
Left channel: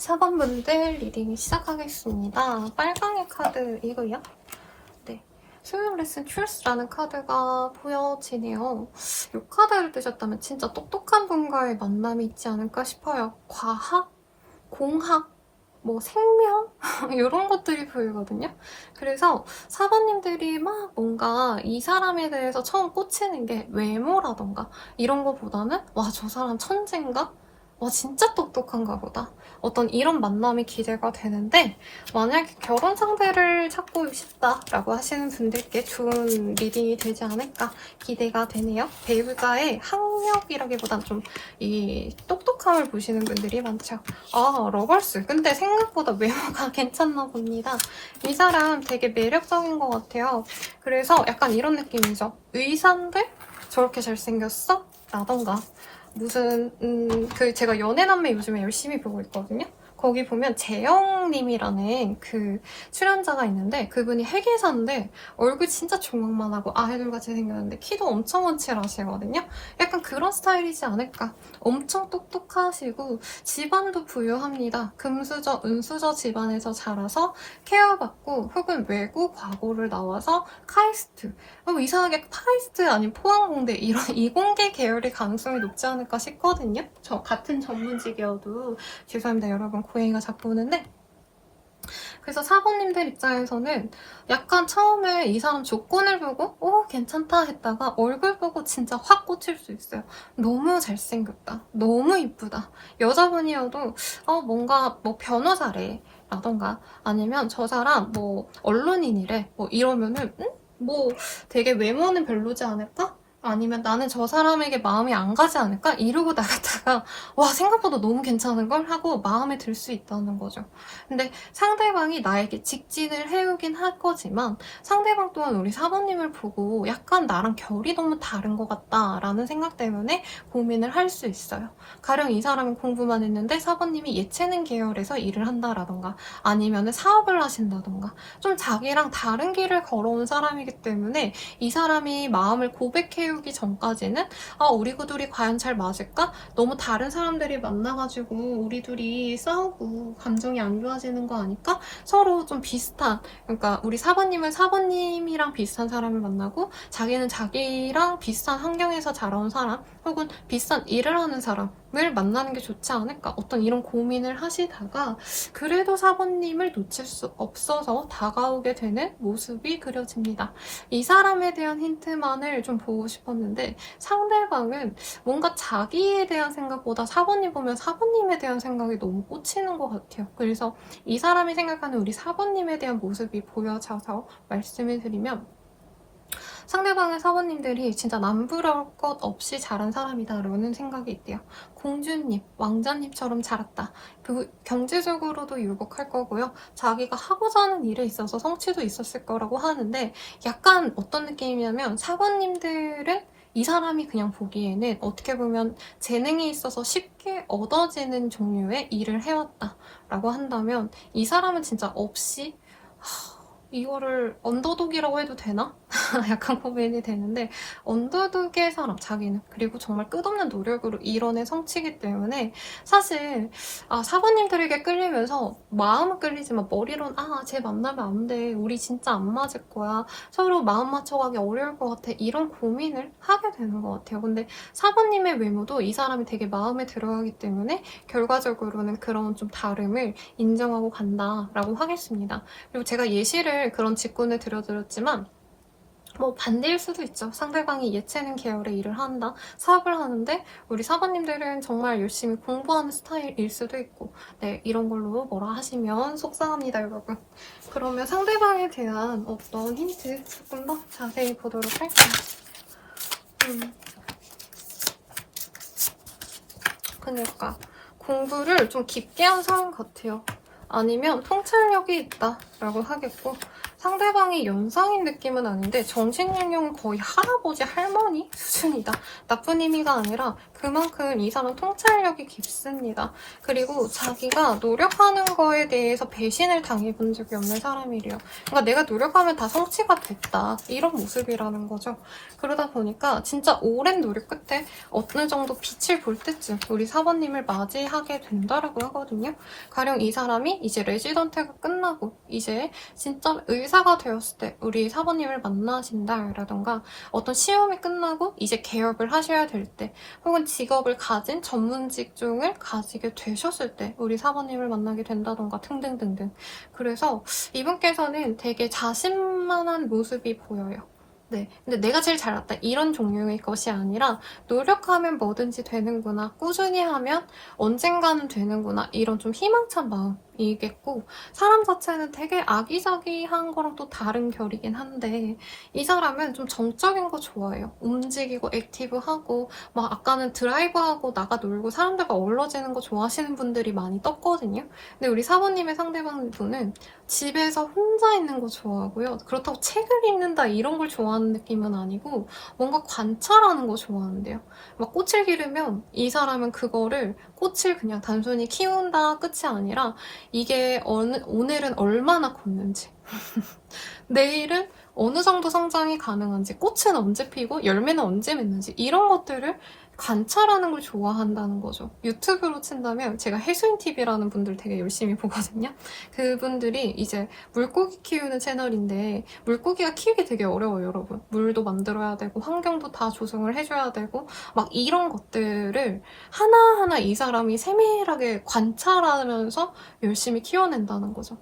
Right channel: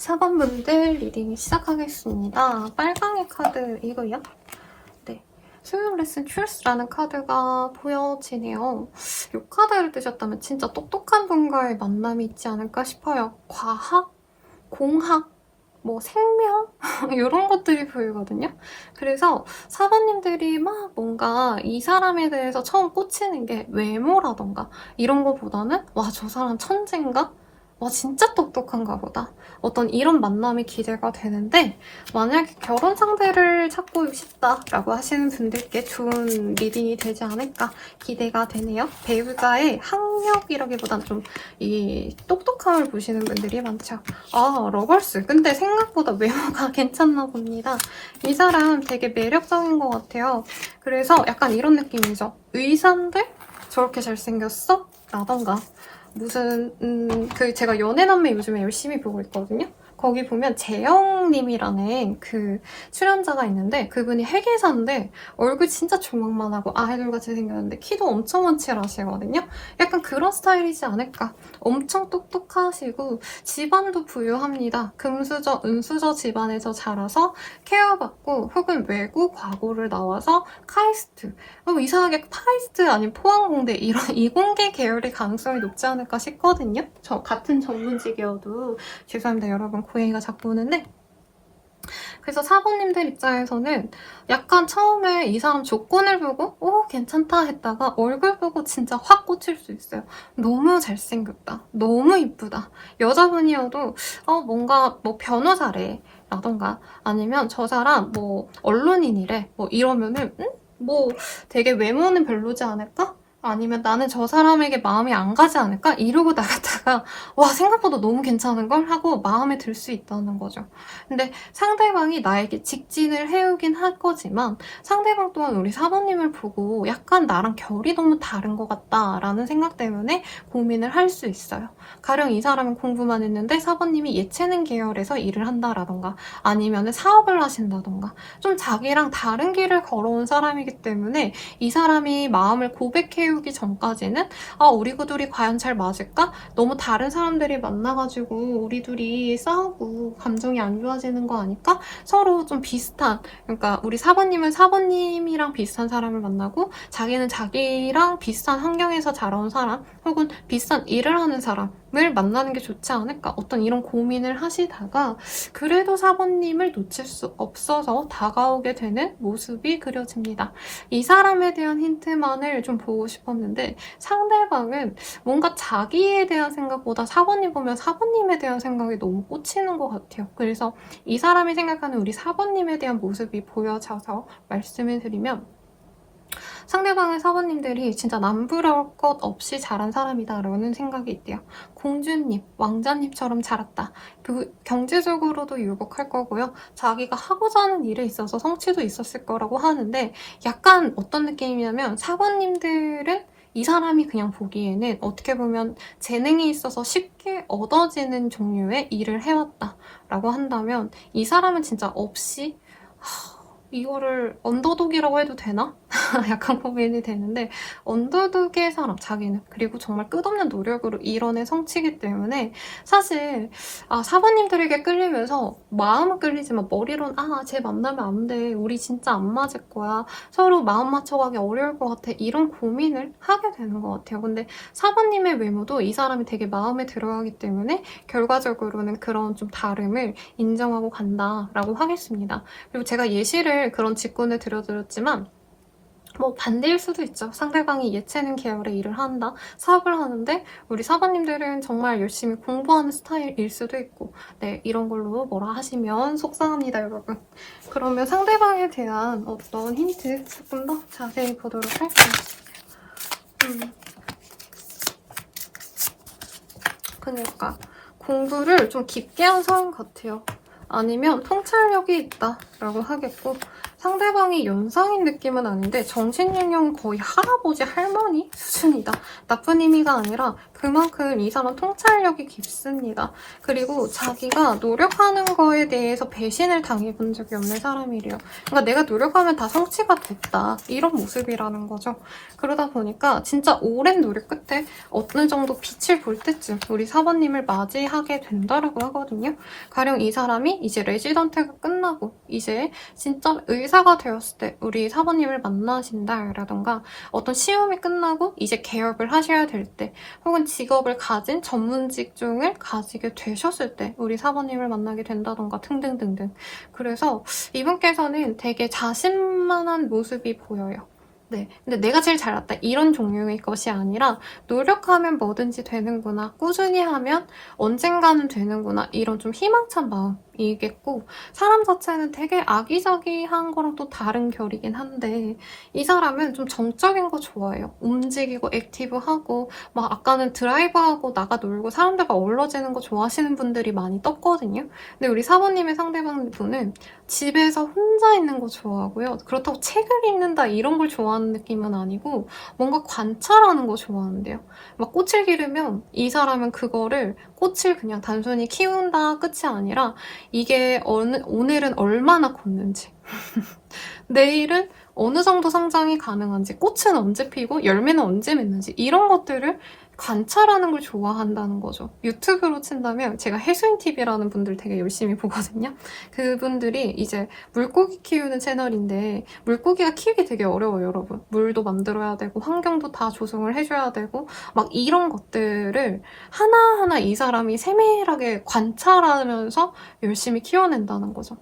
4번분들 리딩 시작하겠습니다. 빨강의 카드이고요. 네, 수요 레슨 truth라는 카드가 보여지네요. 이 카드를 뜨셨다면 진짜 똑똑한 분과의 만남이 있지 않을까 싶어요. 과학, 공학, 뭐 생명? 이런 것들이 보이거든요. 그래서 사부님들이 막 뭔가 이 사람에 대해서 처음 꽂히는 게 외모라던가 이런 거보다는 와, 저 사람 천재인가? 와, 진짜 똑똑한가 보다. 어떤 이런 만남이 기대가 되는데, 만약에 결혼 상대를 찾고 싶다라고 하시는 분들께 좋은 리딩이 되지 않을까 기대가 되네요. 배우자의 학력이라기보단 좀 이 똑똑함을 보시는 분들이 많죠. 아, 러걸스. 근데 생각보다 외모가 괜찮나 봅니다. 이 사람 되게 매력적인 것 같아요. 그래서 약간 이런 느낌이죠. 의상들? 저렇게 잘생겼어? 라던가. 무슨 제가 연애남매 요즘에 열심히 보고 있거든요. 거기 보면 재영님이라는 그 출연자가 있는데 그분이 핵이사인데 얼굴 진짜 조망만 하고 아이돌같이 생겼는데 키도 엄청 원칠하시거든요. 약간 그런 스타일이지 않을까. 엄청 똑똑하시고 집안도 부유합니다. 금수저, 은수저 집안에서 자라서 케어받고 혹은 외고 과고를 나와서 카이스트, 이상하게 카이스트 아닌 포항공대 이런 이공계 계열의 가능성이 높지 않을까 싶거든요. 저 같은 전문직이어도 죄송합니다 여러분, 고양이가 자꾸 오는데. 그래서 사부님들 입장에서는 약간 처음에 이 사람 조건을 보고 오 괜찮다 했다가 얼굴 보고 진짜 확 꽂힐 수 있어요. 너무 잘생겼다, 너무 이쁘다. 여자분이어도 뭔가 뭐 변호사래 라던가 아니면 저 사람 뭐 언론인이래 뭐 이러면은 뭐 되게 외모는 별로지 않을까? 아니면 나는 저 사람에게 마음이 안 가지 않을까? 이러고 나갔다가 와, 생각보다 너무 괜찮은 걸 하고 마음에 들 수 있다는 거죠. 근데 상대방이 나에게 직진을 해오긴 할 거지만 상대방 또한 우리 사모님을 보고 약간 나랑 결이 너무 다른 것 같다라는 생각 때문에 고민을 할 수 있어요. 가령 이 사람이 공부만 했는데 사모님이 예체능 계열에서 일을 한다라던가 아니면 사업을 하신다던가 좀 자기랑 다른 길을 걸어온 사람이기 때문에 이 사람이 마음을 고백해오기 전까지는 우리 둘이 과연 잘 맞을까? 너무 다른 사람들이 만나가지고 우리 둘이 싸우고 감정이 안 좋아지는 거 아닐까? 서로 좀 비슷한, 그러니까 우리 사부님은 사부님이랑 비슷한 사람을 만나고 자기는 자기랑 비슷한 환경에서 자라온 사람 혹은 비슷한 일을 하는 사람을 만나는 게 좋지 않을까? 어떤 이런 고민을 하시다가 그래도 사부님을 놓칠 수 없어서 다가오게 되는 모습이 그려집니다. 이 사람에 대한 힌트만을 좀 보고 싶었는데 상대방은 뭔가 자기에 대한 생각보다 사부님 보면 사부님에 대한 생각이 너무 꽂히는 것 같아요. 그래서 이 사람이 생각하는 우리 사부님에 대한 모습이 보여져서 말씀을 드리면 상대방의 사부님들이 진짜 남부러울 것 없이 자란 사람이다라는 생각이 있대요. 공주님, 왕자님처럼 자랐다. 경제적으로도 유복할 거고요. 자기가 하고자 하는 일에 있어서 성취도 있었을 거라고 하는데 약간 어떤 느낌이냐면 사부님들은 이 사람이 그냥 보기에는 어떻게 보면 재능이 있어서 쉽게 얻어지는 종류의 일을 해왔다라고 한다면 이 사람은 진짜 없이 이거를 언더독이라고 해도 되나? 약간 고민이 되는데 언더독의 사람, 자기는 그리고 정말 끝없는 노력으로 이뤄낸 성취이기 때문에 사실 사부님들에게 끌리면서 마음은 끌리지만 머리로는 쟤 만나면 안 돼, 우리 진짜 안 맞을 거야, 서로 마음 맞춰가기 어려울 것 같아, 이런 고민을 하게 되는 것 같아요. 근데 사부님의 외모도 이 사람이 되게 마음에 들어하기 때문에 결과적으로는 그런 좀 다름을 인정하고 간다라고 하겠습니다. 그리고 제가 예시를 그런 직군을 들어드렸지만 뭐 반대일 수도 있죠. 상대방이 예체능 계열의 일을 한다, 사업을 하는데 우리 사부님들은 정말 열심히 공부하는 스타일일 수도 있고 네, 이런 걸로 뭐라 하시면 속상합니다 여러분. 그러면 상대방에 대한 어떤 힌트 조금 더 자세히 보도록 할게요. 그러니까 공부를 좀 깊게 한 사람 같아요. 아니면 통찰력이 있다라고 하겠고 상대방이 연상인 느낌은 아닌데 정신연령은 거의 할아버지, 할머니 수준이다. 나쁜 의미가 아니라 그만큼 이 사람 통찰력이 깊습니다. 그리고 자기가 노력하는 거에 대해서 배신을 당해본 적이 없는 사람이래요. 그러니까 내가 노력하면 다 성취가 됐다. 이런 모습이라는 거죠. 그러다 보니까 진짜 오랜 노력 끝에 어느 정도 빛을 볼 때쯤 우리 사번님을 맞이하게 된다라고 하거든요. 가령 이 사람이 이제 레지던트가 끝나고 이제 진짜 의사가 되었을 때 우리 사번님을 만나신다라던가 어떤 시험이 끝나고 이제 개업을 하셔야 될 때 혹은 직업을 가진 전문 직종을 가지게 되셨을 때 우리 사번님을 만나게 된다던가 등등등등. 그래서 이분께서는 되게 자신만한 모습이 보여요. 네, 근데 내가 제일 잘났다 이런 종류의 것이 아니라 노력하면 뭐든지 되는구나, 꾸준히 하면 언젠가는 되는구나 이런 좀 희망찬 마음이겠고 사람 자체는 되게 아기자기한 거랑 또 다른 결이긴 한데 이 사람은 좀 정적인 거 좋아해요. 움직이고 액티브하고 막 아까는 드라이브하고 나가 놀고 사람들과 어우러지는 거 좋아하시는 분들이 많이 떴거든요. 근데 우리 사모님의 상대방분은 집에서 혼자 있는 거 좋아하고요. 그렇다고 책을 읽는다 이런 걸 좋아하는 느낌은 아니고 뭔가 관찰하는 거 좋아하는데요. 막 꽃을 기르면 이 사람은 그거를 꽃을 그냥 단순히 키운다 끝이 아니라 이게 오늘은 얼마나 컸는지 내일은 어느 정도 성장이 가능한지 꽃은 언제 피고 열매는 언제 맺는지 이런 것들을 관찰하는 걸 좋아한다는 거죠. 유튜브로 친다면 제가 해수인TV라는 분들 되게 열심히 보거든요. 그분들이 이제 물고기 키우는 채널인데 물고기가 키우기 되게 어려워요, 여러분. 물도 만들어야 되고 환경도 다 조성을 해줘야 되고 막 이런 것들을 하나하나 이 사람이 세밀하게 관찰하면서 열심히 키워낸다는 거죠.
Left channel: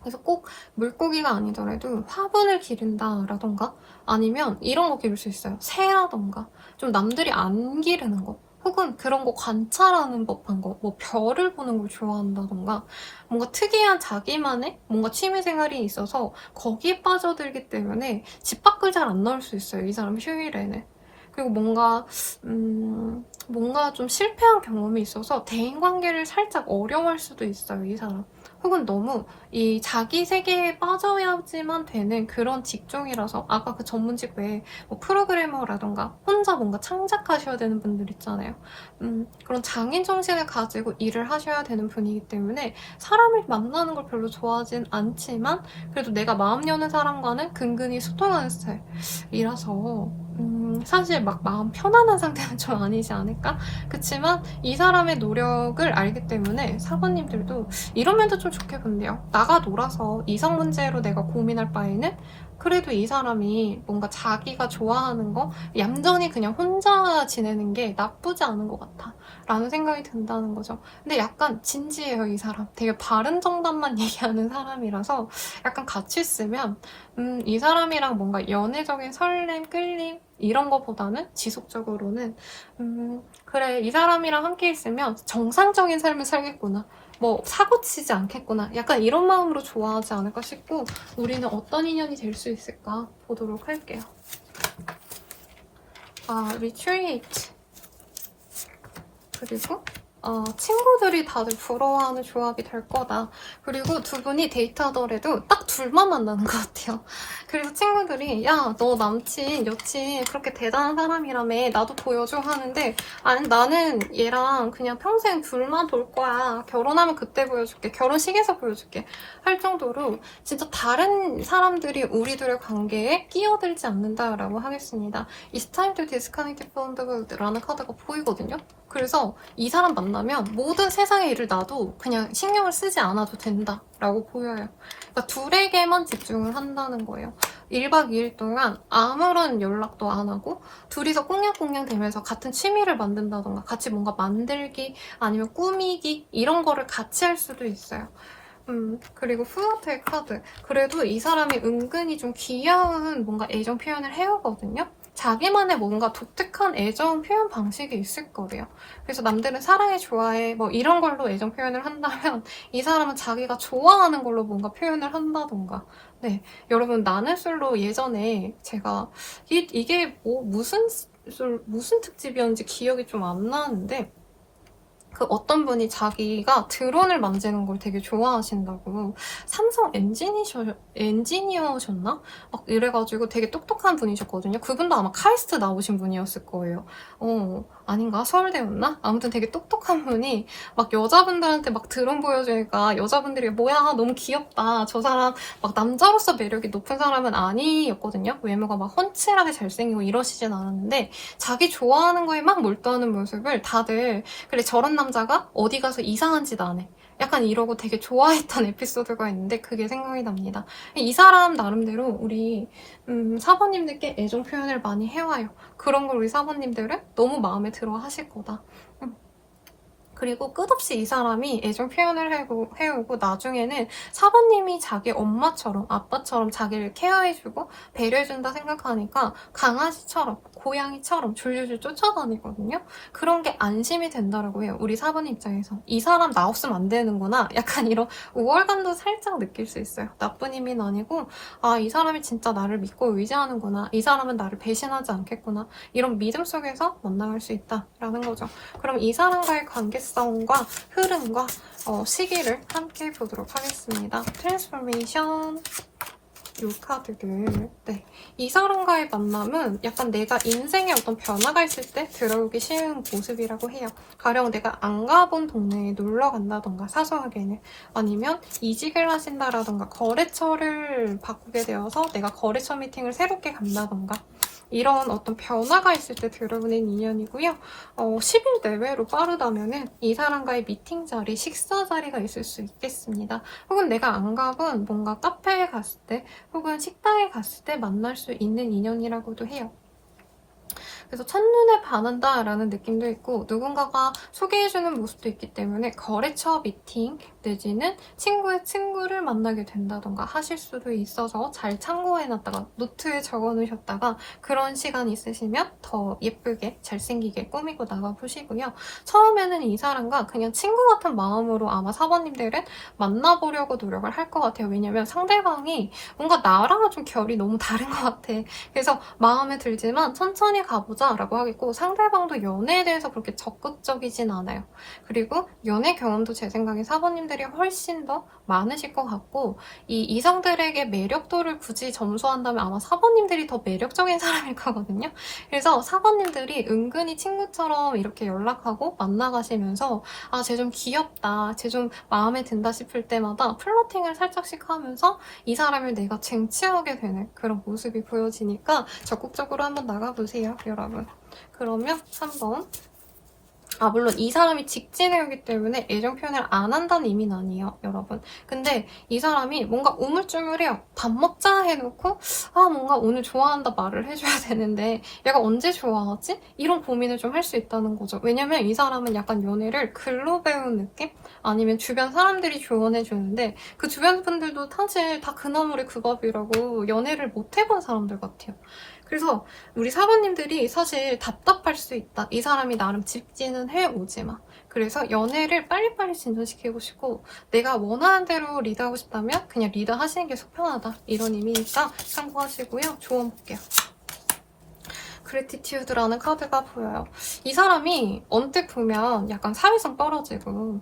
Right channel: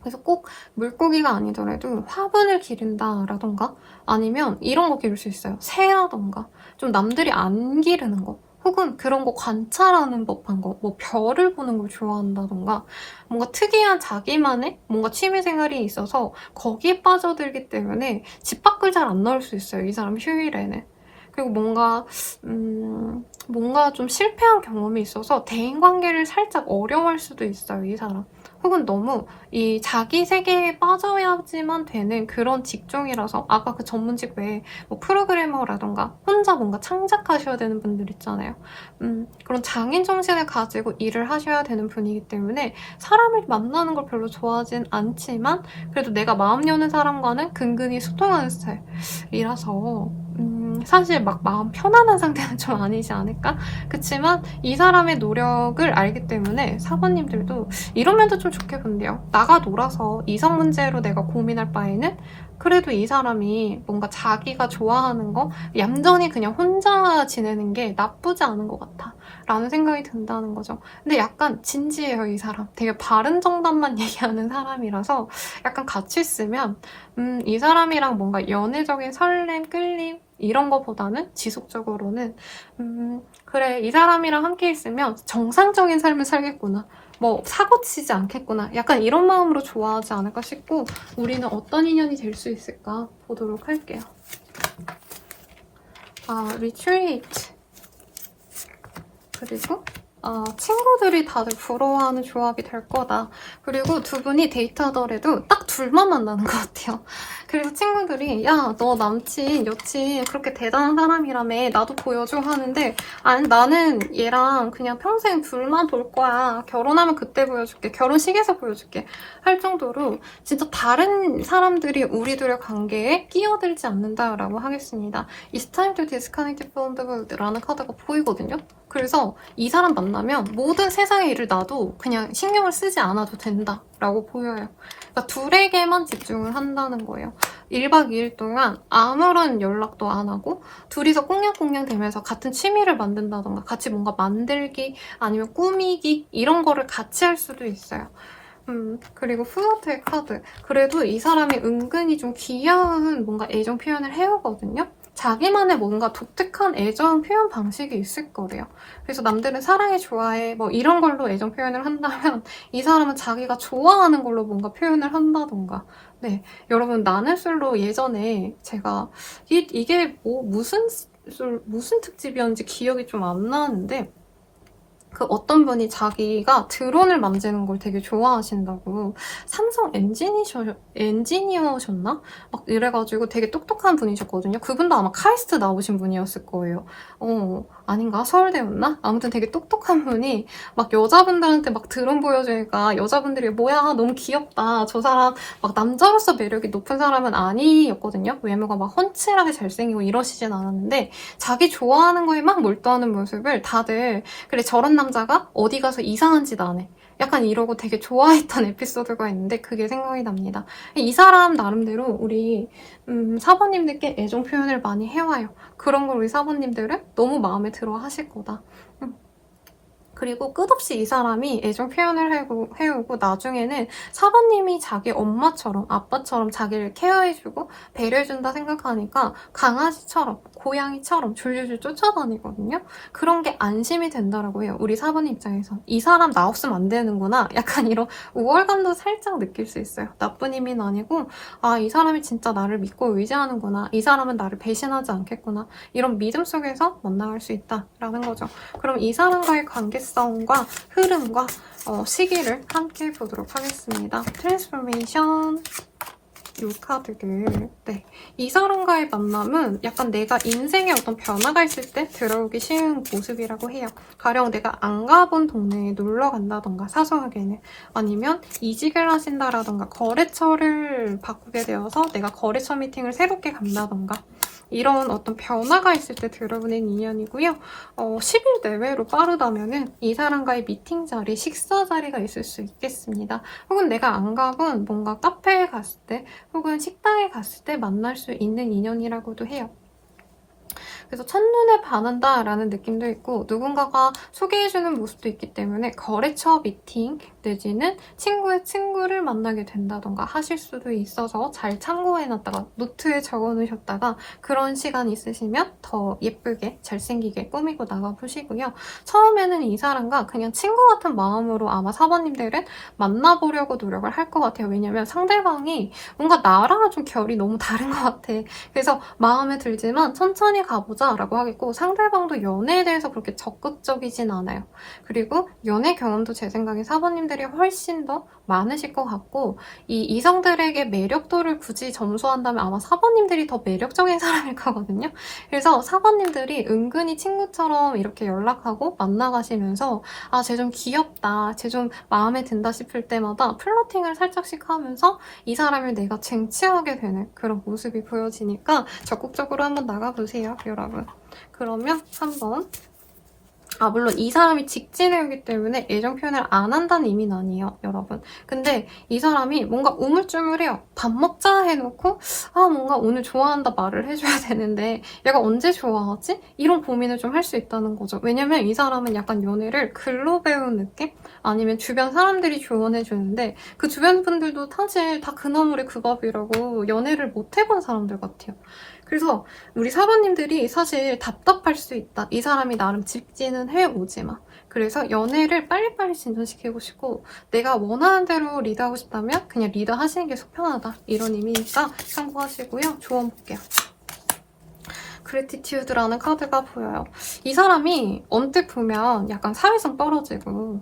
그래서 꼭 물고기가 아니더라도 화분을 기른다라던가 아니면 이런 거 기를 수 있어요. 새라던가 좀 남들이 안 기르는 거 혹은 그런 거 관찰하는 법한 거, 뭐 별을 보는 걸 좋아한다던가 뭔가 특이한 자기만의 뭔가 취미생활이 있어서 거기에 빠져들기 때문에 집 밖을 잘 안 나올 수 있어요. 이 사람 휴일에는. 그리고 뭔가 좀 실패한 경험이 있어서 대인관계를 살짝 어려워할 수도 있어요, 이 사람. 혹은 너무 이 자기 세계에 빠져야지만 되는 그런 직종이라서 아까 그 전문직 외에 뭐 프로그래머라던가 혼자 뭔가 창작하셔야 되는 분들 있잖아요. 그런 장인 정신을 가지고 일을 하셔야 되는 분이기 때문에 사람을 만나는 걸 별로 좋아하진 않지만 그래도 내가 마음 여는 사람과는 근근히 소통하는 스타일이라서 사실 막 마음 편안한 상태는 좀 아니지 않을까? 그치만 이 사람의 노력을 알기 때문에 사관님들도 이런 면도 좀 좋게 본대요. 나가 놀아서 이성 문제로 내가 고민할 바에는 그래도 이 사람이 뭔가 자기가 좋아하는 거 얌전히 그냥 혼자 지내는 게 나쁘지 않은 것 같아 라는 생각이 든다는 거죠. 근데 약간 진지해요, 이 사람. 되게 바른 정답만 얘기하는 사람이라서 약간 같이 있으면 이 사람이랑 뭔가 연애적인 설렘, 끌림 이런 거보다는 지속적으로는 그래, 이 사람이랑 함께 있으면 정상적인 삶을 살겠구나. 뭐 사고치지 않겠구나. 약간 이런 마음으로 좋아하지 않을까 싶고 우리는 어떤 인연이 될 수 있을까 보도록 할게요. 리트리트. 그리고 친구들이 다들 부러워하는 조합이 될 거다. 그리고 두 분이 데이트하더라도 딱 둘만 만나는 것 같아요. 그리고 친구들이 야, 너 남친, 여친 그렇게 대단한 사람이라며 나도 보여줘 하는데 아니 나는 얘랑 그냥 평생 둘만 볼 거야. 결혼하면 그때 보여줄게. 결혼식에서 보여줄게. 할 정도로 진짜 다른 사람들이 우리들의 관계에 끼어들지 않는다라고 하겠습니다. It's time to disconnect from the world라는 카드가 보이거든요. 그래서 이 사람 만나면 모든 세상의 일을 놔도 그냥 신경을 쓰지 않아도 된다라고 보여요. 그러니까 둘에게만 집중을 한다는 거예요. 1박 2일 동안 아무런 연락도 안 하고 둘이서 꽁냥꽁냥 대면서 같은 취미를 만든다던가 같이 뭔가 만들기 아니면 꾸미기 이런 거를 같이 할 수도 있어요. 그리고 후어트의 카드. 그래도 이 사람이 은근히 좀 귀여운 뭔가 애정 표현을 해오거든요. 자기만의 뭔가 독특한 애정 표현 방식이 있을 거래요. 그래서 남들은 사랑해, 좋아해 뭐 이런 걸로 애정 표현을 한다면 이 사람은 자기가 좋아하는 걸로 뭔가 표현을 한다던가. 네, 여러분 나는 술로 예전에 제가 이게 뭐 무슨 특집이었는지 기억이 좀 안 나는데 그 어떤 분이 자기가 드론을 만지는 걸 되게 좋아하신다고 삼성 엔지니어셨나? 막 이래가지고 되게 똑똑한 분이셨거든요. 그분도 아마 카이스트 나오신 분이었을 거예요. 아닌가? 서울대였나? 아무튼 되게 똑똑한 분이 막 여자분들한테 막 드론 보여주니까 여자분들이 뭐야 너무 귀엽다. 저 사람 막 남자로서 매력이 높은 사람은 아니었거든요. 외모가 막 훤칠하게 잘생기고 이러시진 않았는데 자기 좋아하는 거에 막 몰두하는 모습을 다들 그래 저런 남자가 어디 가서 이상한 짓 안 해. 약간 이러고 되게 좋아했던 에피소드가 있는데 그게 생각이 납니다. 이 사람 나름대로 우리 사모님들께 애정 표현을 많이 해와요. 그런 걸 우리 사모님들은 너무 마음에 들어 하실 거다. 그리고 끝없이 이 사람이 애정 표현을 해오고 나중에는 사부님이 자기 엄마처럼 아빠처럼 자기를 케어해주고 배려해준다 생각하니까 강아지처럼 고양이처럼 줄줄줄 쫓아다니거든요. 그런 게 안심이 된다라고 해요. 우리 사부님 입장에서. 이 사람 나 없으면 안 되는구나. 약간 이런 우월감도 살짝 느낄 수 있어요. 나쁜 의미는 아니고 이 사람이 진짜 나를 믿고 의지하는구나. 이 사람은 나를 배신하지 않겠구나. 이런 믿음 속에서 만나갈 수 있다라는 거죠. 그럼 이 사람과의 관계성과 흐름과 시기를 함께 보도록 하겠습니다. 트랜스포메이션 이 카드를 이 사람과의 만남은 약간 내가 인생에 어떤 변화가 있을 때 들어오기 쉬운 모습이라고 해요. 가령 내가 안 가본 동네에 놀러 간다던가 사소하게는 아니면 이직을 하신다라던가 거래처를 바꾸게 되어서 내가 거래처 미팅을 새롭게 간다던가 이런 어떤 변화가 있을 때 들어오는 인연이고요. 10일 내외로 빠르다면은 이 사람과의 미팅 자리, 식사 자리가 있을 수 있겠습니다. 혹은 내가 안 가본 뭔가 카페에 갔을 때 혹은 식당에 갔을 때 만날 수 있는 인연이라고도 해요. 그래서 첫눈에 반한다라는 느낌도 있고 누군가가 소개해주는 모습도 있기 때문에 거래처 미팅 내지는 친구의 친구를 만나게 된다던가 하실 수도 있어서 잘 참고해놨다가 노트에 적어놓으셨다가 그런 시간 있으시면 더 예쁘게 잘생기게 꾸미고 나가보시고요. 처음에는 이 사람과 그냥 친구 같은 마음으로 아마 사모님들은 만나보려고 노력을 할 것 같아요. 왜냐면 상대방이 뭔가 나랑은 좀 결이 너무 다른 것 같아. 그래서 마음에 들지만 천천히 가보자 라고 하겠고 상대방도 연애에 대해서 그렇게 적극적이진 않아요. 그리고 연애 경험도 제 생각에 사모님들이 훨씬 더 많으실 것 같고 이 이성들에게 매력도를 굳이 점수한다면 아마 사모님들이 더 매력적인 사람일 거거든요. 그래서 사모님들이 은근히 친구처럼 이렇게 연락하고 만나가시면서 쟤 좀 귀엽다, 쟤 좀 마음에 든다 싶을 때마다 플러팅을 살짝씩 하면서 이 사람을 내가 쟁취하게 되는 그런 모습이 보여지니까 적극적으로 한번 나가보세요, 여러분. 그러면 한번 물론 이 사람이 직진해오기 때문에 애정 표현을 안 한다는 의미는 아니에요, 여러분. 근데 이 사람이 뭔가 우물쭈물해요. 밥 먹자 해놓고 뭔가 오늘 좋아한다 말을 해줘야 되는데 얘가 언제 좋아하지? 이런 고민을 좀 할 수 있다는 거죠. 왜냐면 이 사람은 약간 연애를 글로 배운 느낌? 아니면 주변 사람들이 조언해주는데 그 주변 분들도 사실 다 그나물의 그 밥이라고 연애를 못 해본 사람들 같아요. 그래서 우리 사모님들이 사실 답답할 수 있다. 이 사람이 나름 직진은 해오지만. 그래서 연애를 빨리빨리 진전시키고 싶고 내가 원하는 대로 리드하고 싶다면 그냥 리드하시는 게 속 편하다. 이런 의미니까 참고하시고요. 조언 볼게요. 그래티튜드라는 카드가 보여요. 이 사람이 언뜻 보면 약간 사회성 떨어지고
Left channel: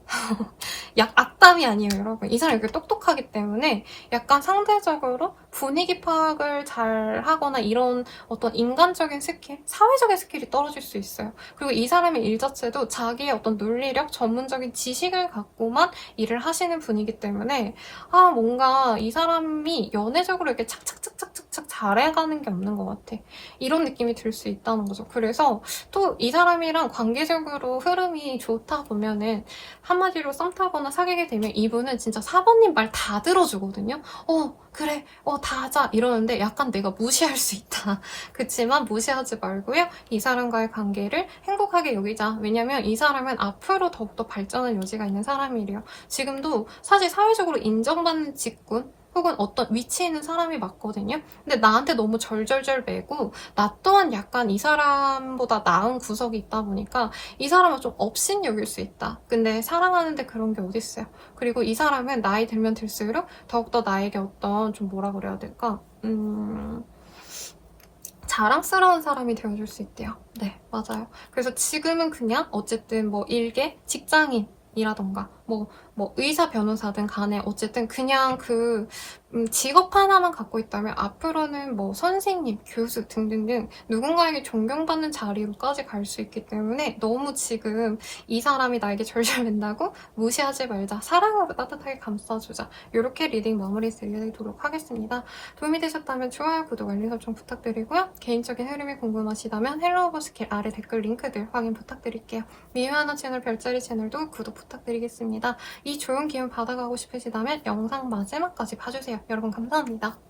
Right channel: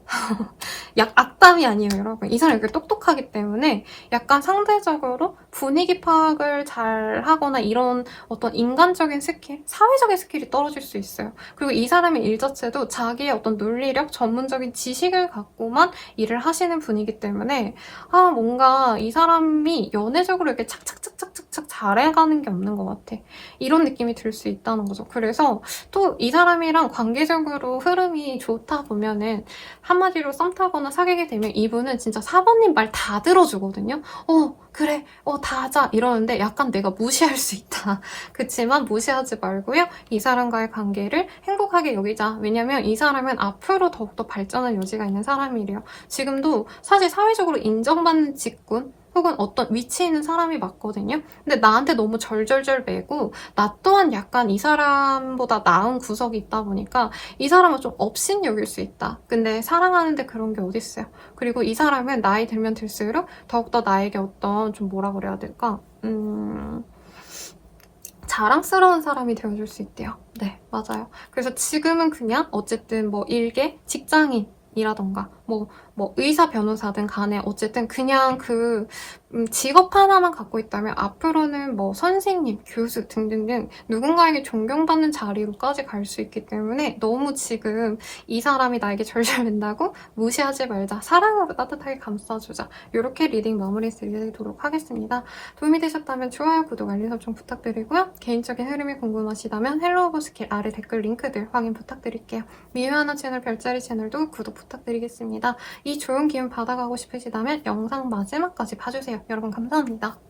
악담이 아니에요, 여러분. 이 사람이 이렇게 똑똑하기 때문에 약간 상대적으로 분위기 파악을 잘 하거나 이런 어떤 인간적인 스킬, 사회적인 스킬이 떨어질 수 있어요. 그리고 이 사람의 일 자체도 자기의 어떤 논리력, 전문적인 지식을 갖고만 일을 하시는 분이기 때문에 뭔가 이 사람이 연애적으로 이렇게 착착착착착 잘해가는 게 없는 것 같아. 이런 느낌이 들 수 있다는 거죠. 그래서 또 이 사람이랑 관계적으로 흐름이 좋다 보면은 한마디로 썸 타거나 사귀게 되면 이분은 진짜 사부님 말 다 들어주거든요. 그래, 다 하자 이러는데 약간 내가 무시할 수 있다. 그치만 무시하지 말고요. 이 사람과의 관계를 행복하게 여기자. 왜냐면 이 사람은 앞으로 더욱더 발전할 여지가 있는 사람이래요. 지금도 사실 사회적으로 인정받는 직군 혹은 어떤 위치에 있는 사람이 맞거든요. 근데 나한테 너무 절절절 매고 나 또한 약간 이 사람보다 나은 구석이 있다 보니까 이 사람은 좀 업신여길 수 있다. 근데 사랑하는데 그런 게 어딨어요. 그리고 이 사람은 나이 들면 들수록 더욱더 나에게 어떤 좀 뭐라 그래야 될까? 자랑스러운 사람이 되어줄 수 있대요. 네, 맞아요. 그래서 지금은 그냥 어쨌든 뭐 일개, 직장인이라던가 뭐 의사, 변호사든 간에 어쨌든 그냥 그 직업 하나만 갖고 있다면 앞으로는 뭐 선생님, 교수 등등등 누군가에게 존경받는 자리로까지 갈 수 있기 때문에 너무 지금 이 사람이 나에게 절절맨다고 무시하지 말자. 사랑으로 따뜻하게 감싸주자. 이렇게 리딩 마무리 드리도록 하겠습니다. 도움이 되셨다면 좋아요, 구독, 알림 설정 부탁드리고요. 개인적인 흐름이 궁금하시다면 헬로우버스킬 아래 댓글 링크들 확인 부탁드릴게요. 미유하나 채널 별자리 채널도 구독 부탁드리겠습니다. 이 좋은 기운 받아가고 싶으시다면 영상 마지막까지 봐주세요. 여러분 감사합니다.